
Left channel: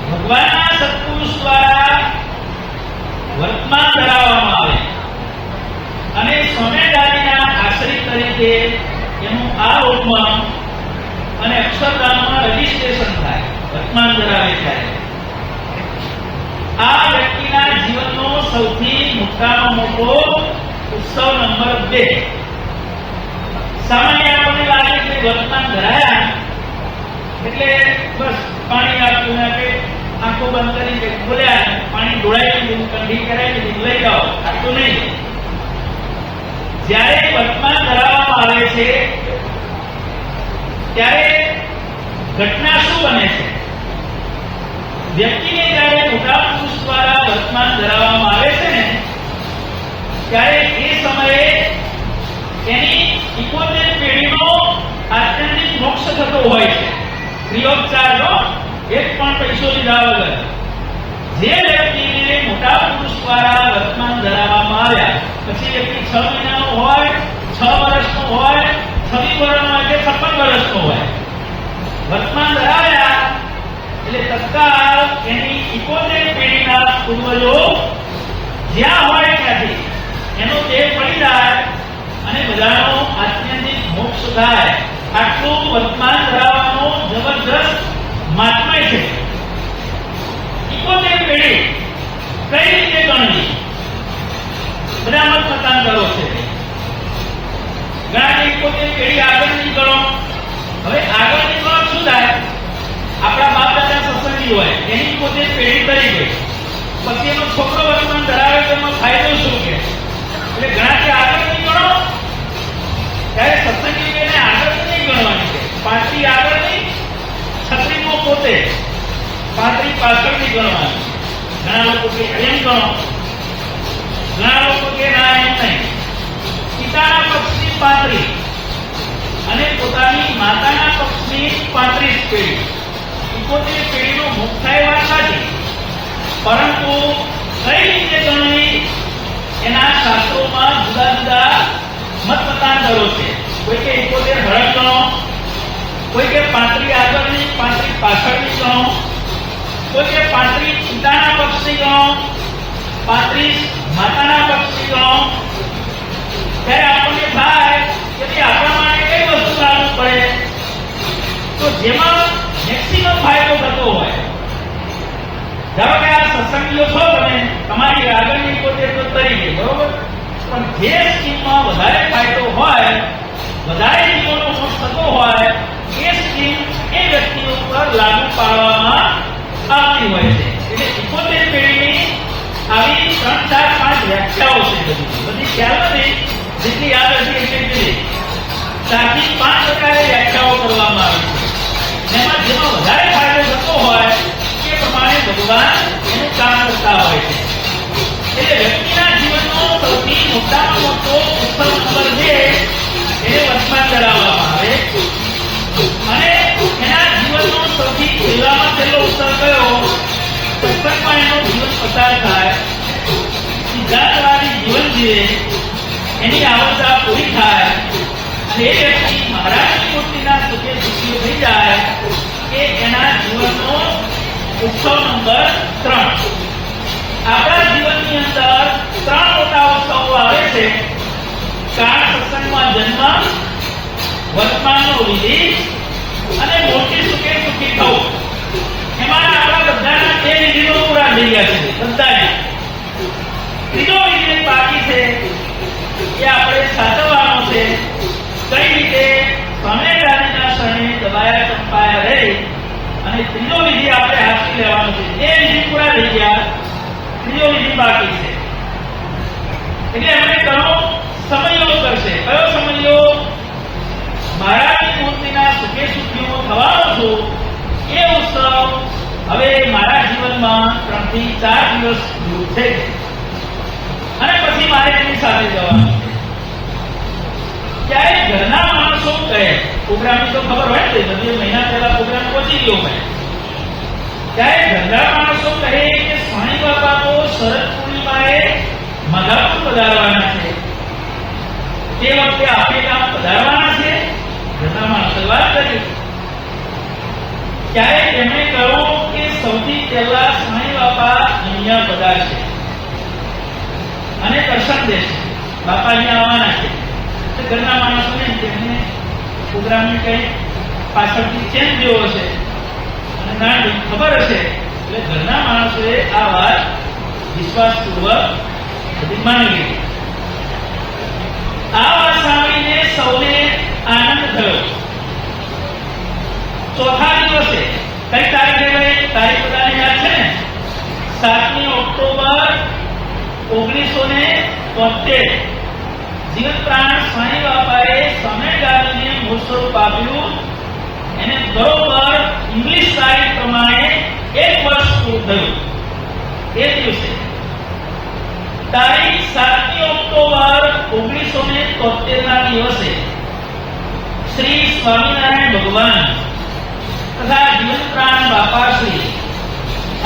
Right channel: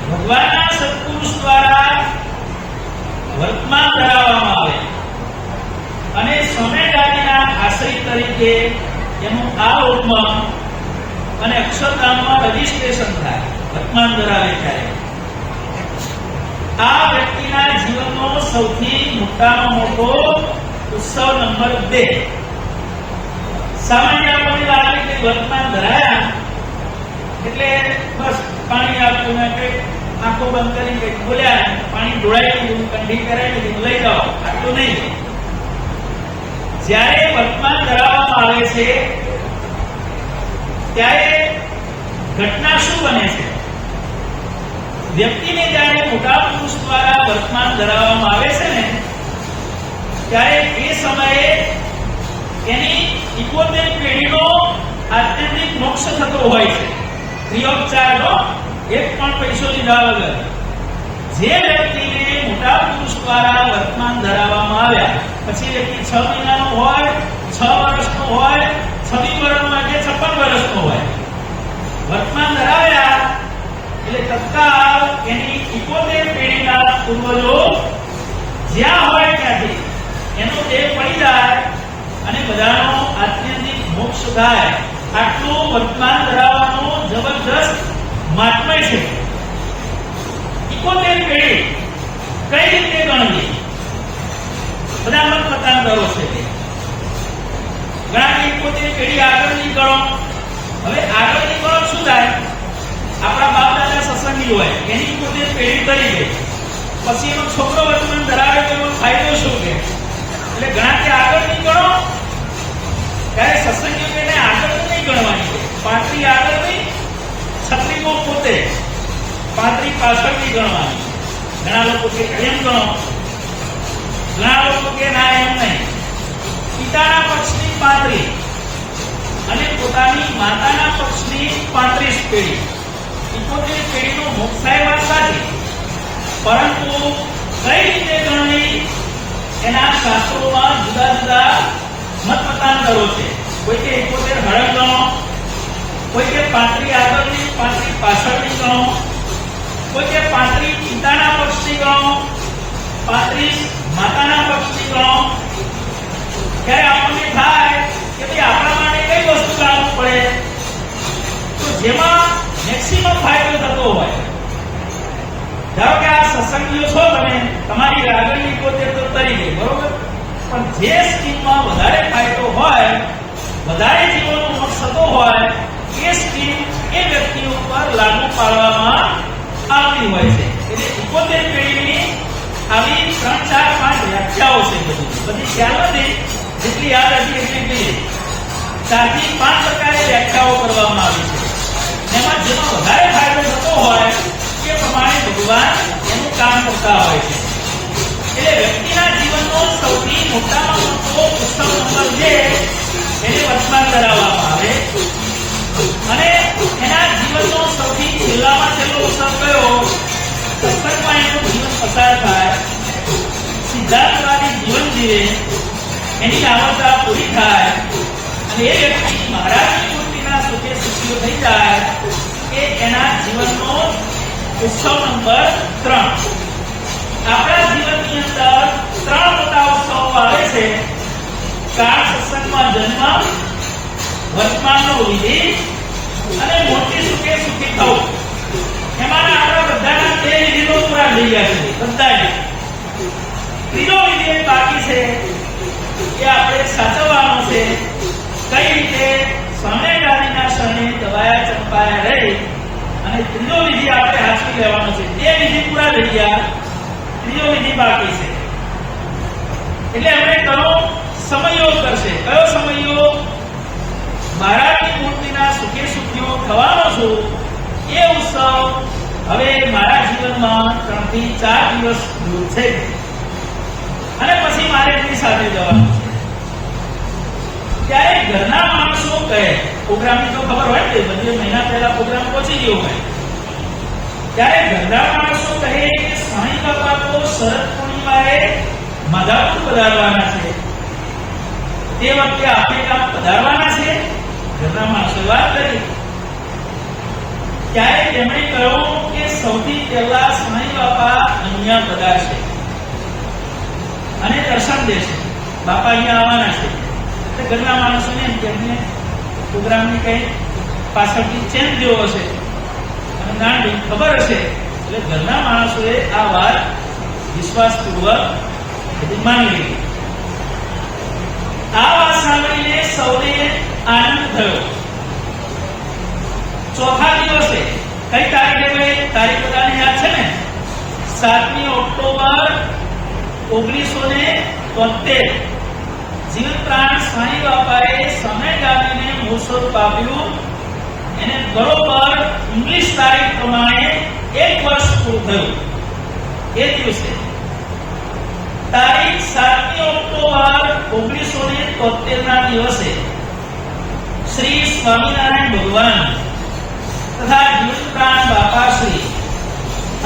ભગવાનના સત્પુરુષ દ્વારા વર્તમાન કરાવવામાં આવે અને સોનેદાદીના આશ્રિત તરીકે એનું આ લોકમાં અને અક્ષરધામમાં રજીસ્ટ્રેશન થાય, વર્તમાન કરાવે ત્યારે. આ વ્યક્તિના જીવનનો સૌથી મોટામાં મોટો ઉત્સવ નંબર 2. સામાન્ય આપણને લાગે કે વર્તમાન ધરાયા એટલે બસ પાણી આપતું ને કે આંખો બંધ કરી કે બોલ્યા, પાણી ઢોળાઈ દીધું, કંઠી કરાવી દીધું, લઈ જાઓ, આટલું નહીં. જ્યારે વર્તમાન ધરાવવામાં આવે છે ત્યારે ઘટના શું બને છે? વ્યક્તિને જ્યારે મોટા પુરુષ દ્વારા વર્તમાન ધરાવવામાં આવે છે ને ત્યારે એ સમયે એની 71 પેઢીનો આત્યંતિક મોક્ષ થતો હોય છે, ફ્રી ઓફ ચાર્જ, એક પણ પૈસો લીધા વગર. જે વ્યક્તિને મોટા પુરુષ દ્વારા વર્તમાન ધરાવવામાં આવ્યા, પછી વ્યક્તિ 6 મહિનાનો હોય, 6 વર્ષનો હોય, 26 વર્ષનો હોય કે 56 વર્ષનો હોય, વર્તમાન ધરાવ્યા એટલે તત્કાળ એની 71 પેઢીના પૂર્વજો જ્યાં હોય ત્યાંથી એનો દેહ પડી જાય અને બધાનો આત્યંતિક મોક્ષ થાય. આટલું વર્તમાન ધરાવવાનો જબરજસ્ત મહાત્મય છે. 71 પેઢી કઈ રીતે ગણવી? બધા મત મતાંતરો છે. ઘણા 71 પેઢી આગળની ગણો. હવે આગળની ગણો શું થાય? આપણા બાપ દાદા સત્સંગી હોય, એની 71 પેઢી કરી દે, પછી એનો છોકરો વર્તમાન ધરાવે તો એનો ફાયદો શું કે? એટલે ઘણાથી આગળની ગણો, ત્યારે સત્સંગી એને આગળની નહીં ગણવાની છે. 35 આગળની, 36મો પોતે, 35 પાછળની ગણવાની. ઘણા લોકો કે એમ ગણો, ઘણા લોકો કે ના એમ નહીં. પિતાના પક્ષની 35 અને પોતાની માતાના પક્ષની 35 પેઢી, 71 પેઢીનો મોક્ષ થાય વાત સાચી, પરંતુ કઈ રીતે ગણવી એના શાસ્ત્રોમાં જુદા જુદા મત મતાંતરો છે. કોઈ કે 71 હળક ગણો, કોઈ કે 35 આગળની, 35 પાછળની ગણો, કોઈ કે 35 પિતાના પક્ષની ગણો, 35 માતાના પક્ષની ગણો. ત્યારે આપણને થાય કે ભાઈ આપણા માટે કઈ વસ્તુ લાગુ પડે, તો જેમાં મેક્સિમમ ફાયદો થતો હોય. ધારો કે આ સત્સંગીઓ છો તમે, તમારી આગળની 71 તો તરી ગઈ, બરોબર, પણ જે સ્કીમમાં વધારે ફાયદો હોય, વધારે જીવનનો મોક્ષ થતો હોય, એ સ્કીમ એ વ્યક્તિઓ પર લાગુ પાડવામાં આવતી હોય છે. એટલે 71 પેઢીની આવી 3, 4, 5 વ્યાખ્યાઓ છે. બધી ખ્યાલ નથી, જેટલી યાદ હતી એટલી કરી. 4 થી 5 પ્રકારે વ્યાખ્યાઓ કરવામાં આવી છે. એમાં જેમાં વધારે ફાયદો થતો હોય એ પ્રમાણે ભગવાન એનું કામ કરતા હોય છે. એટલે વ્યક્તિના જીવનનો સૌથી મોટામાં મોટો ઉત્સવ નંબર છે એને વર્તમાન કરાવવામાં આવે, અને એના જીવનનો સૌથી છેલ્લામાં છેલ્લો ઉત્સવ કયો? સત્સંગમાં એનું જીવન પસાર થાય, સિદ્ધાર્થવાદી જીવન જીવે, એની આવડતા પૂરી થાય અને એ વ્યક્તિ મહારાજની મૂર્તિના સુખે સુખીઓ થઈ જાય એ એના જીવનનો ઉત્સવ નંબર 3. આપણા જીવનની અંદર 3 મોટા ઉત્સવો આવે છે. કાળ સત્સંગમાં જન્મ, વર્તમાનનો વિધિ અને મોટી સુખે સુખી થવું. એમાં આપણા બધાના 2 વિધિનો પૂરા થઈ ગયા છે. બધા ત્રીજો વિધિ બાકી છે, એ આપણે સાચવવાનો છે. કઈ રીતે? સ્વામિનારાયણના શરણે દબાયા ચંપાયા રહી અને ત્રીજો વિધિ આપણે હાથથી લેવાનો છે. 2 વિધિ પૂરા થઈ ગયા, ત્રીજો વિધિ બાકી છે. એટલે હવે ઘણો સમયયોગ કરશે. કયો સમયયોગ? મહારાજની મૂર્તિના સુખે સુખીઓ થવાનો છું એ ઉત્સવ હવે મારા જીવનમાં 3 થી 4 દિવસ દૂર છે અને પછી મારે એની સાથે જવાનું છે. ત્યારે ઘરના માણસો કહે, પ્રોગ્રામની તો ખબર હોય ને, બધી મહિના પહેલા પ્રોગ્રામ પહોંચી ગયો હોય, ત્યારે ઘરના માણસો કહે કે સ્વામી બાપા તો શરદ પૂર્ણિમાએ માધાપુર પધારવાના છે, તે વખતે આફ્રિકામાં પધારવાના છે. ઘરના માણસો વાત કરી. ત્યારે તેમણે કહ્યું કે સૌથી પહેલા સ્વામી બાપા અહીંયા પધારશે અને દર્શન દેશે. બાપા અહીંયા આવવાના છે. ઘરના માણસોને તેમને પ્રોગ્રામની કઈ પાછળથી ચેન્જ જેવો હશે અને નાની ખબર હશે, એટલે ઘરના માણસોએ આ વાત વિશ્વાસપૂર્વક બધી માની લીધી. આ વાત સાંભળીને સૌને આનંદ થયો. ચોથા દિવસે કઈ તારીખે ભાઈ? તારીખ બધાને યાદ છે ને? 7મી ઓક્ટોબર 1973 જીવન પ્રાણ સ્વામી બાપાએ સમયગામીને મૂળ સ્વરૂપ આપ્યું. એને બરોબર ઇંગ્લિશ તારીખ પ્રમાણે 1 વર્ષ પૂરું થયું એ દિવસે. તારીખ 7 ઓક્ટોબર 1973 ના દિવસે શ્રી સ્વામિનારાયણ ભગવાન તથા જીવનપ્રાણ બાપાશ્રી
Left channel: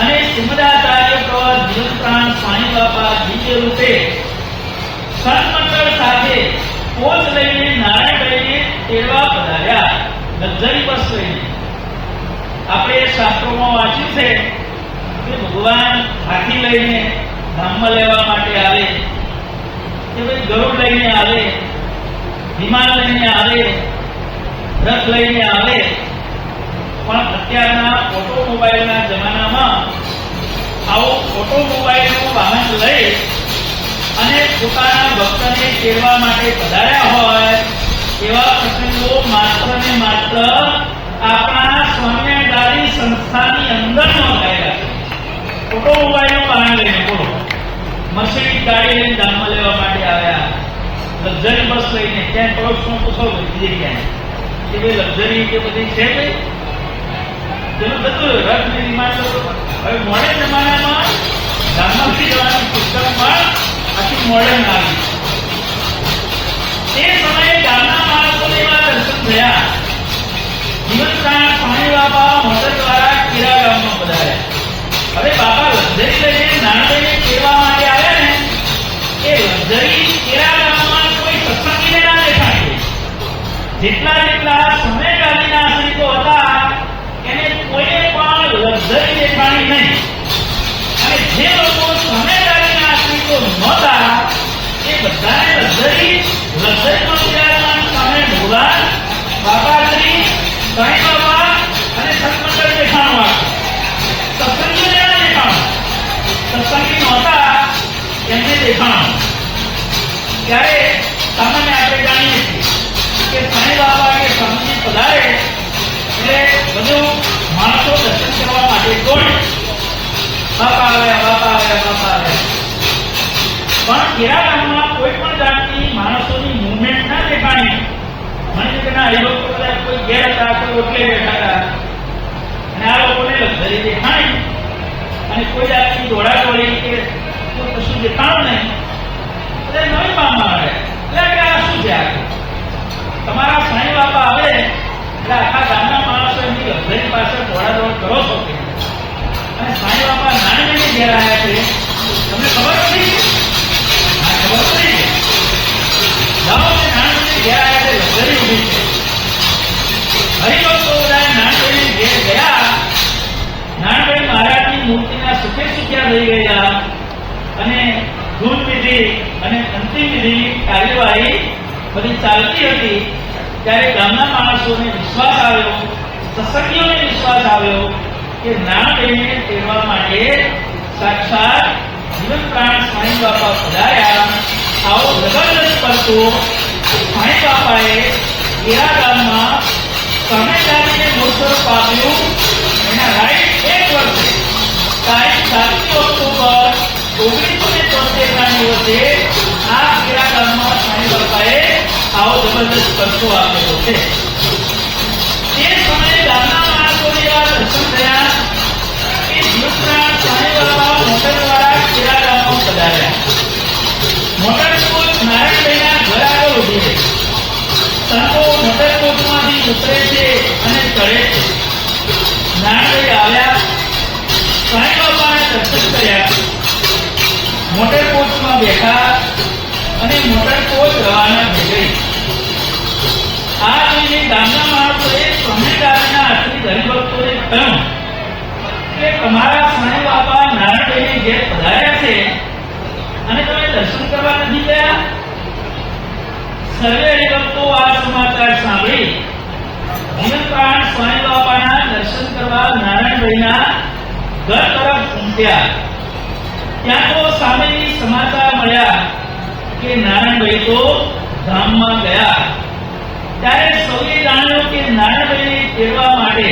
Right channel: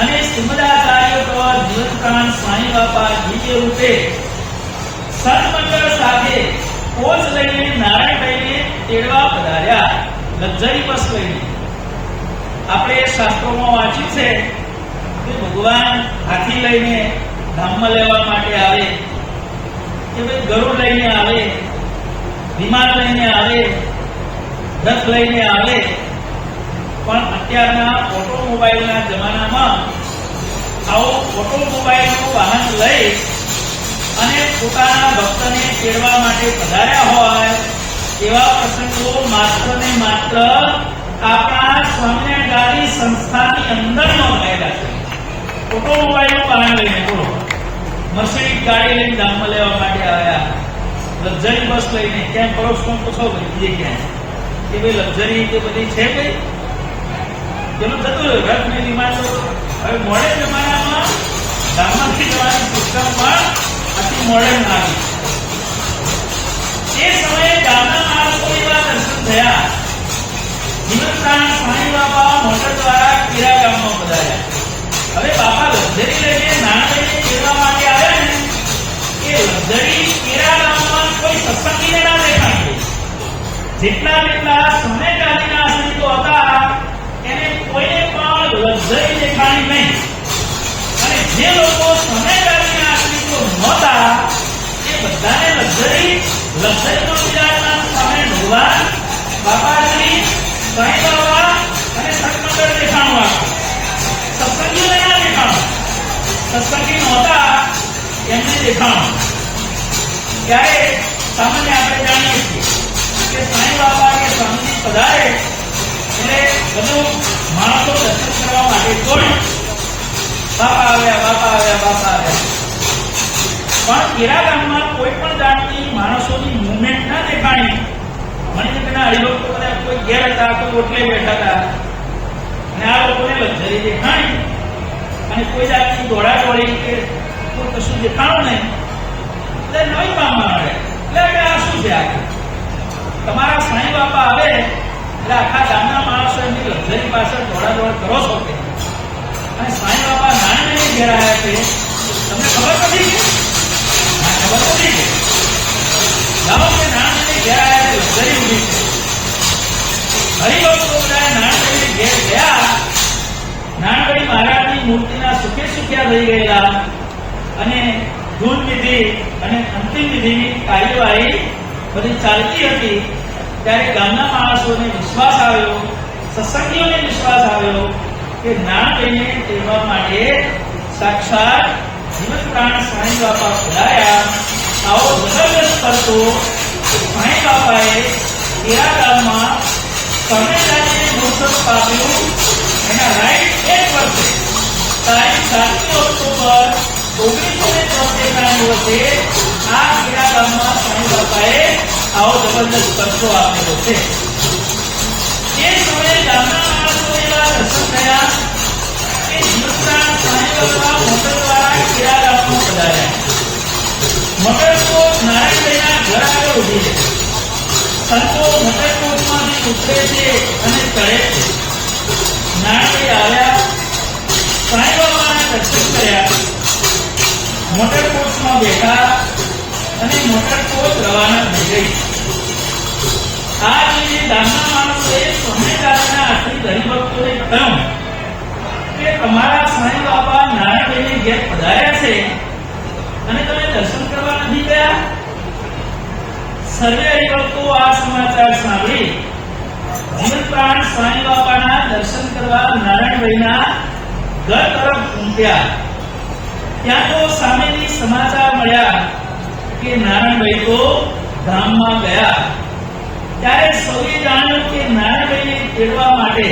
અને શ્રીમદાચાર્ય પ્રવર જીવનપ્રાણ સ્વામી બાપા દિવ્ય રૂપે સન્મંડળ સાથે કોચ લઈને નારાયણભાઈને તેડવા પધાર્યા, લક્ઝરી બસ લઈને. આપણે શાસ્ત્રોમાં વાંચ્યું છે કે ભગવાન હાથી લઈને ધામમાં લેવા માટે આવે, કે ભાઈ ગરુડ લઈને આવે, વિમાન લઈને આવે, રથ લઈને આવે. પણ અત્યારના ઓટોમોબાઈલના જમાનામાં આવો ઓટોમોબાઈલનું વાહન લઈ અને પોતાના ભક્તને તેડવા માટે પધાર્યા હોય એવા પ્રસંગો માત્ર ને માત્ર આપણા સ્વામિનારાયણ ગાદી સંસ્થાની અંદર નોંધાયેલા છે. ઓટોમોબાઈલનું વાહન લઈને, બોલો, મર્સિડીઝ ગાડી લઈને ધામમાં લેવા માટે આવ્યા, લક્ઝરી બસ લઈને. ક્યાંય પડોશમાં પૂછો બીજે ક્યાંય કે ભાઈ લક્ઝરી કે બધી છે ભાઈ, જેનું થતું હોય રથ ને વિમાન. હવે મોડર્ન જમાનામાં ધામમાંથી જવાની પુસ્તકમાં આખી મોડર્ન આવી. તે સમયે ગામના માણસોને એવા દર્શન થયા. જીવનપ્રાણ સ્વામી બાપા મોટર દ્વારા કીરા ગામમાં પધાર્યા. હવે બાપા લક્ઝરી લઈને નાણાંને તેડવા માટે આવ્યા ને, એ લક્ઝરી કીરા ગામમાં કોઈ સત્સંગીને ના દેખાય. જેટલા સમયગાળીના આશ્રિતો હતા એને કોઈને પણ લક્ઝરી દેખાણી નહીં. અને જે લોકો સમયગાળીના આશ્રિતો નહોતા એ બધાને લક્ઝરીમાં બિરાજમાન સ્વામી ભગવાન બાપાશ્રી સ્વામી બાપા અને સત્સંગમંડળ દેખાણું આખું. સત્સંગીને ના દેખાણું, સત્સંગી નહોતા એમને દેખાણું. ત્યારે સામાન્ય આપણે જાણીએ છીએ કે સ્વામી બાપા કે સ્વામીજી પધારે એટલે બધું માણસો દર્શન કરવા માટે દોડે. બાપા આવ્યા, બાપા આવ્યા, બાપા આવ્યા. પણ કેરા ગામમાં કોઈ પણ જાતની માણસોની મુવમેન્ટ ના દેખાણી. મને કે ના હરિભક્તો બધા કોઈ ઘેર હતા, કોઈ ઓટલે બેઠા હતા અને આ લોકોને લક્ઝરી દેખાણી અને કોઈ જાતની દોડાદોડી કે કોઈ કશું દેખાણું નહીં. એટલે નવી પામવા આવ્યા. એટલે કે આ શું છે? આ તમારા સ્વામી બાપા આવે એટલે આખા ગામના માણસો એમની લક્ઝરી પાછળ દોડાદોડ કરો છો કે? અને સ્વામી બાપા નાણાંને ઘેર આવ્યા છે, તમને ખબર નથી કે? હા, ખબર નથી કે જાઓ કે નાણાંને ઘેર આવ્યા છે, લક્ઝરી ઊભી છે. હરિભક્તો બધા નાણાંને ઘેર ગયા. નાણાભાઈ મહારાજની મૂર્તિના સુખે સુખ્યા થઈ ગયેલા અને ધૂન વિધિ અને અંતિમ વિધિની કાર્યવાહી બધી ચાલતી હતી. ત્યારે ગામના માણસોને વિશ્વાસ આવ્યો, સત્સંગીઓને વિશ્વાસ આવ્યો કે નાણાભાઈને તેડવા માટે સાક્ષાત જીવનપ્રાણ સ્વામી બાપા પધાર્યા. આવો જબરદસ્ત કરતો સ્વામી બાપાએ કેરા ગામમાં સ્વામિનારાયણને મૂળસ્વરૂપ આપ્યું. એના રાઈટ 1 વર્ષે તારીખ 7 ઓક્ટોબર 1973 ના દિવસે આ કેરા ગામમાં સ્વામી બાપાએ આવો જબરદસ્ત કરતો આપેલો છે. તે સમયે ગામના માણસોને એવા દર્શન થયા કે જીવનપ્રાણ સ્વામી બાપા મોટર દ્વારા કેરા ગામમાં પધાર્યા. મોટર કોચ નારાયણભાઈના ઘર આગળ ઊભી છે. સંતો મોટર કોચમાંથી ઉતરે છે અને ચડે છે. નારાયણભાઈ આવ્યા, સ્વામી બાપાના દર્શન કર્યા, મોટર કોચમાં બેઠા અને મોટર કોચ રવાના થઈ ગઈ. આ જોઈને ગામના માણસોએ સ્વામિનારાયણના આશ્રિત હરિભક્તોને કહ્યું કે તમારા સ્વામી બાપા નારાયણભાઈને ઘેર પધાર્યા છે અને તમે દર્શન કરવા નથી ગયા? સર્વે હરિભક્તો આ સમાચાર સાંભળી જીવનપ્રાણ સ્વામી બાપાના દર્શન કરવા નારાયણભાઈના ઘર તરફ ઉમટ્યા. ત્યાં તો સામેથી સમાચાર મળ્યા કે નારાયણભાઈ તો ધામમાં ગયા. ત્યારે સૌએ જાણ્યું કે નારાયણભાઈને તેડવા માટે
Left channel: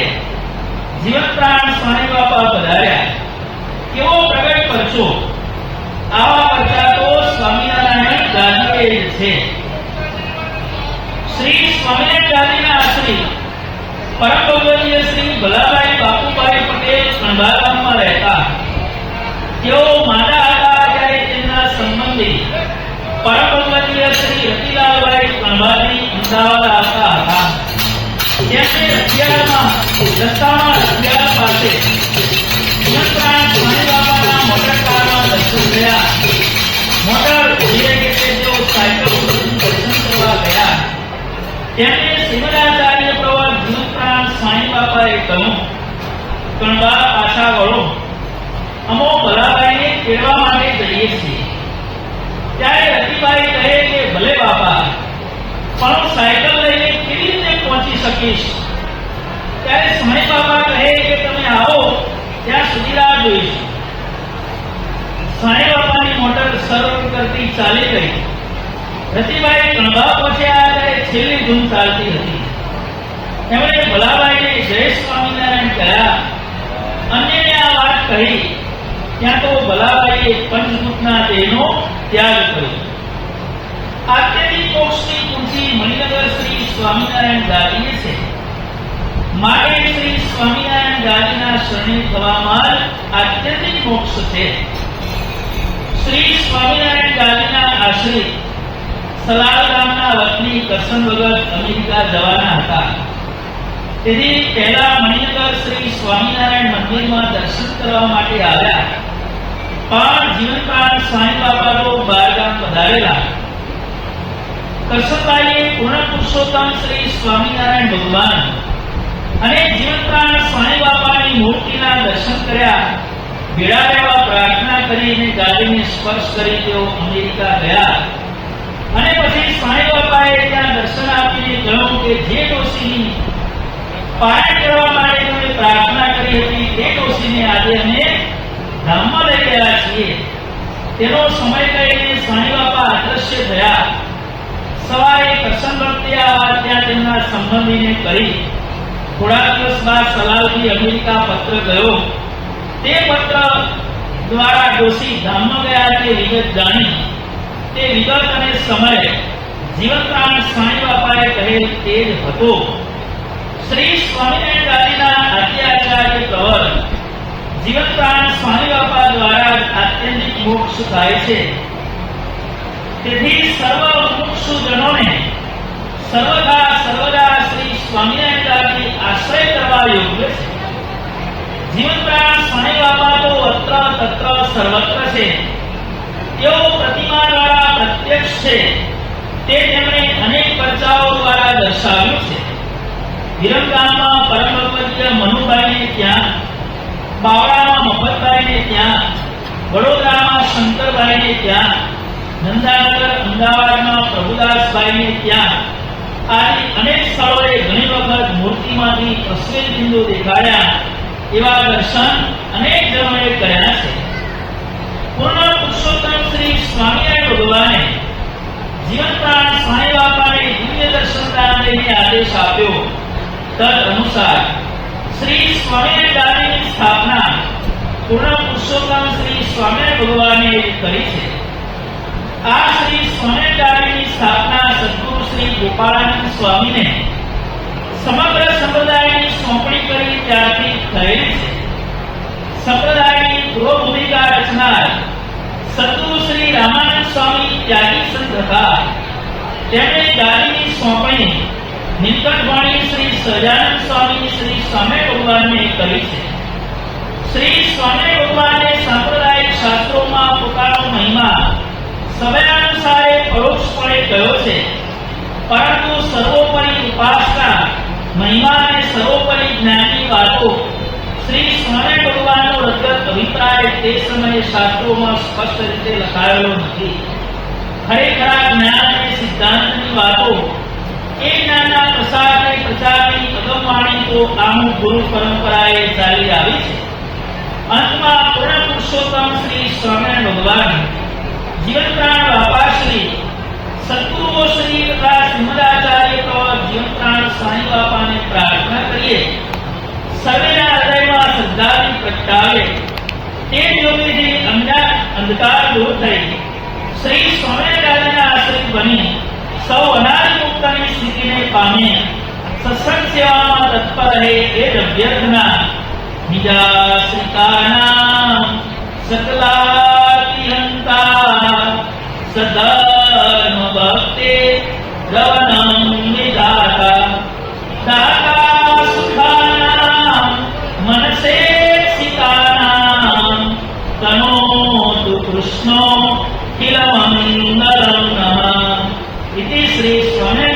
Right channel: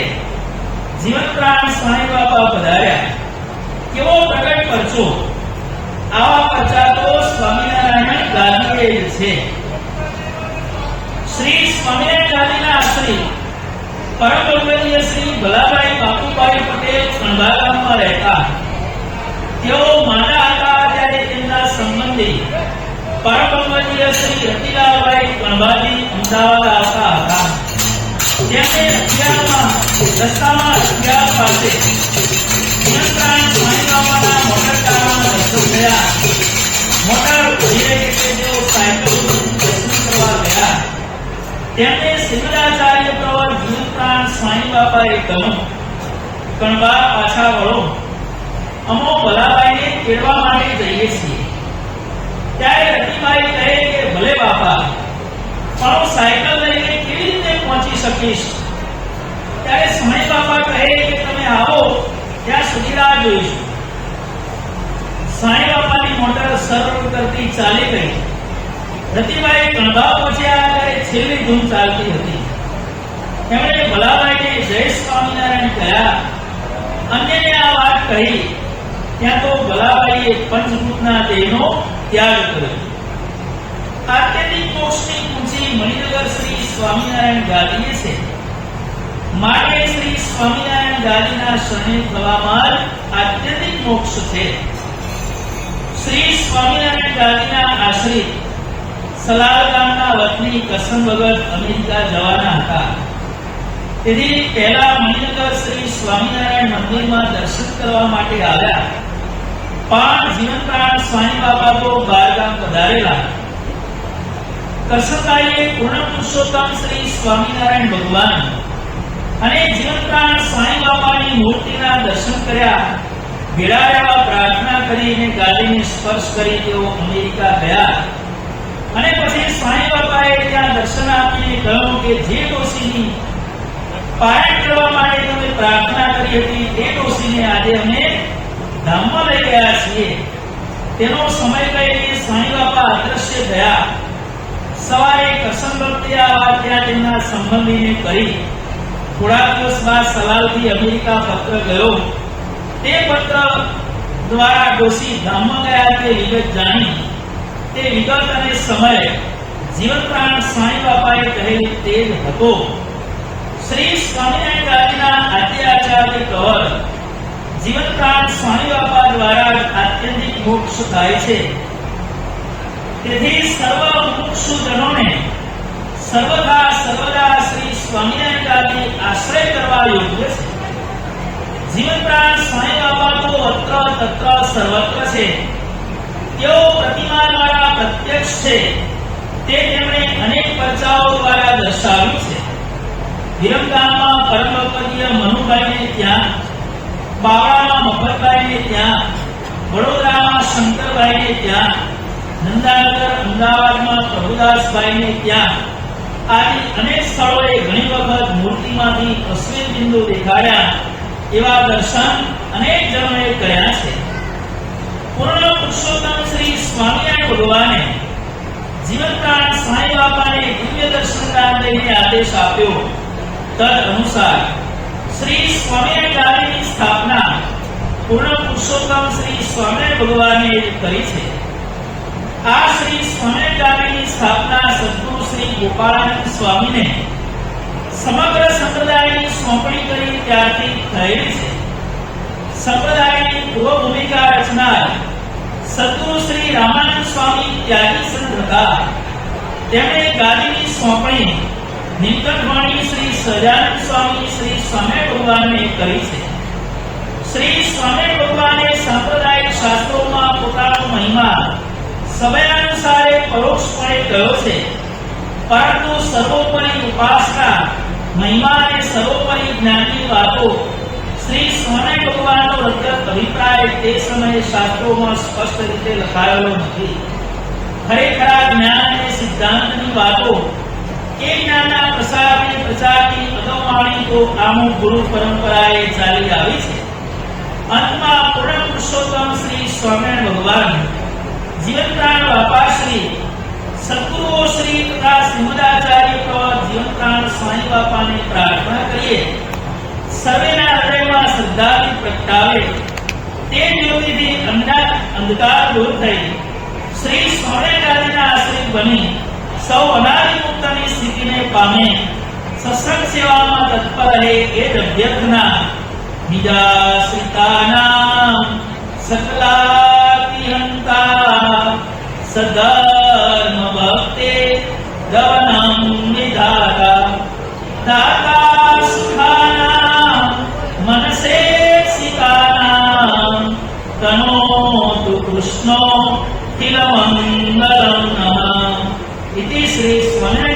જીવનપ્રાણ સ્વામી બાપા પધાર્યા. કેવો પ્રગટ પરચો! આવા પરચા તો સ્વામિનારાયણ ગાદીએ છે. શ્રી સ્વામિનારાયણ ગાદીના આશ્રિત પરમ ગૌરવનીય શ્રી ભલાભાઈ બાપુભાઈ પટેલ ખંભાત ગામમાં રહેતા. તેઓ માદા હતા ત્યારે તેમના સંબંધ પરમભગવદીય શ્રી રતિલાલભાઈ કણભાજી અમદાવાદ આવતા હતા. તેમને અગિયારમાં રસ્તામાં અગિયાર પાસે જીવનપ્રાણ સ્વામી બાપાના મોટર કારમાં દર્શન થયા. મોટર ઉભી રહી એટલે તેઓ સાયકલ ઉપર દર્શન કરવા ગયા. તેમને શ્રીમદાચાર્ય પ્રવર જીવનપ્રાણ સ્વામી બાપાએ કહ્યું, કણભા પાછા વળો, અમો ભલાભાઈને તેડવા માટે જઈએ છીએ. ત્યારે રતિભાઈ કહે કે ભલે બાપા, પણ હું સાયકલ લઈને કેવી રીતે પહોંચી શકીશ? ત્યારે સ્વામી બાપા કહે કે તમે આવો ત્યાં સુધી રાહ જોઈશું. સ્વામી બાપાની મોટર સર્વ કરતી ચાલી ગઈ. રતિભાઈ કણભા પહોંચ્યા ત્યારે છેલ્લી ધૂમ ચાલતી હતી. તેમણે ભલાભાઈને જય સ્વામિનારાયણ કહ્યા. અન્યને આ વાત કહી ત્યાં તો ભલાભાઈએ પંચભૂતના દેહનો ત્યાગ કર્યો. આત્યંતિક મોક્ષની કુંજી મણિનગર શ્રી સ્વામિનારાયણ ગાદીએ છે. માટે શ્રી સ્વામિનારાયણ ગાદીના શરણે થવામાં આત્યંતિક મોક્ષ છે. શ્રી સ્વામિનારાયણ ગાદીના આશ્રિત સલાલ ગામના વતની કસમ વગર અમેરિકા જવાના હતા. તેથી પહેલા મણિનગર શ્રી સ્વામિનારાયણ મંદિરમાં દર્શન કરવા માટે આવ્યા. પણ જીવનપ્રાણ સ્વામી બાપા તો બહારગામ પધારેલા. કરશનભાઈએ પૂર્ણ પુરુષોત્તમ શ્રી સ્વામિનારાયણ ભગવાન અને જીવનપ્રાણ સ્વામી બાપાની મૂર્તિના દર્શન કર્યા. ભેળા રહેવા પ્રાર્થના કરીને ગાદીને સ્પર્શ કરી તેઓ અમેરિકા ગયા. અને પછી સ્વામી બાપાએ ત્યાં દર્શન આપીને કહ્યું કે જે ડોશીની પારાયણ કરવા માટે તમે પ્રાર્થના કરી હતી તે ડોશીને આજે અમે ધામમાં લઈ ગયા છીએ. તેનો સમય કહીને સ્વામી બાપા અદ્રશ્ય થયા. સવારે કરશન ભક્તિ આવવા ત્યાં તેમના સંબંધીને કરી. થોડા દિવસ બાદ સલાલથી અમેરિકા પત્ર ગયો. તે પત્ર દ્વારા ડોશી ધામમાં ગયા તે વિગત જાણી. તે વિગત અને સમય જીવનપ્રાણ સ્વામી બાપાએ કહેલ તે જ હતો. શ્રી સ્વામિનારાયણ ગાદીના આદ્યાચાર્ય પ્રવર જીવનપ્રાણ સ્વામી બાપા દ્વારા આત્યંતિક મોક્ષ થાય છે. તેથી સર્વ મુમુક્ષુજનોને સર્વદા સર્વદા શ્રી સ્વામિનારાયણ ગાદી આશ્રય કરવા યોગ્ય છે. જીવનપ્રાણ સ્વામી બાપા તો અત્ર તત્ર સર્વત્ર છે. તેઓ પ્રતિમા દ્વારા પ્રત્યક્ષ છે. તે તેમણે અનેક પરચાઓ દ્વારા દર્શાવ્યું છે. વિરમગામમાં પરમભગવદીય મનુભાઈને ત્યાં, બાવળામાં મફતભાઈને ત્યાં, વડોદરામાં શંકરભાઈને ત્યાં, નંદાનગર અમદાવાદમાં પ્રભુદાસભાઈને ત્યાં આદિ અનેક સ્થળોએ ઘણી વખત મૂર્તિમાંથી અશ્વિન બિંદુ દેખાયા. એવા દર્શન અનેક જણોએ કર્યા છે. પૂર્ણ પુરુષોત્તમ શ્રી સ્વામિનારાયણ ભગવાને જીવનપ્રાણ સ્વામી બાપાને દિવ્ય દર્શનદાન લઈને આદેશ આપ્યો. તદ અનુસાર શ્રી સ્વામિનારાયણ ગાદીની સ્થાપના પૂર્ણ પુરુષોત્તમ શ્રી સ્વામિનારાયણ ભગવાને કરી છે. આ શ્રી સ્વામિનારાયણ ગાદીની સ્થાપના સદગુરુ શ્રી ગોપાળાનંદ સ્વામીને સમગ્ર સંપ્રદાયની સોંપણી કરી ત્યારથી થયેલી છે. સંપ્રદાયની ગૃહ ભૂમિકા રચનાર સદગુરુ શ્રી રામાનંદ સ્વામી ત્યાગી સંત હતા. તેમણે ગાદીની સોંપણી નિકટવાણી શ્રી સહજાનંદ સ્વામી શ્રી સ્વામિનારાયણ ભગવાનને કરી છે. શ્રી સ્વામિનારાયણ ભગવાને સાંપ્રદાયિક શાસ્ત્રોમાં પોતાનો મહિમા સમયાનુસારે પરોક્ષપણે કહ્યો છે. પરંતુ સર્વોપરી ઉપાસના મહિમાને સર્વોપરી જ્ઞાનની વાતો શ્રી સ્વામિનારાયણ ભગવાનનો રગત અભિપ્રાય તે સમયે શાસ્ત્રોમાં સ્પષ્ટ રીતે લખાયેલો નથી. ખરેખરા જ્ઞાન અને સિદ્ધાંતની વાતો એ જ્ઞાનના પ્રસારને પ્રચારની અગમવાણી તો આમું ગુરુ પરંપરાએ ચાલી આવી છે. અંતમાં પૂર્ણ પુરુષોત્તમ શ્રી સ્વામિનારાયણ ભગવાન જીવનપ્રાણ બાપાશ્રી સદગુરુઓ શ્રી તથા શ્રીમદાચાર્ય પ્રવર જીવનપ્રાણ સ્વામી બાપાને પ્રાર્થના કરીએ. સર્વેના હૃદયમાં શ્રદ્ધાથી પ્રગટાવે તે જ્યોતિથી અંધકાર દૂર થઈ શ્રી સ્વામિનારાયણ ગાદીના આશ્રિત બની સૌ અનાદિ મુક્તની સ્થિતિને પામે. સત્સંગ સેવામાં તત્પર રહે એ જ અભ્યર્થના. નિજાશ્રિતાનાં સકલાતિહંતા સદા भक्ते गगनं निदाता दाता सुखानां मनसेक्षितानां तनोतु कृष्णो किल मंगलं नमः इति श्री स्वामी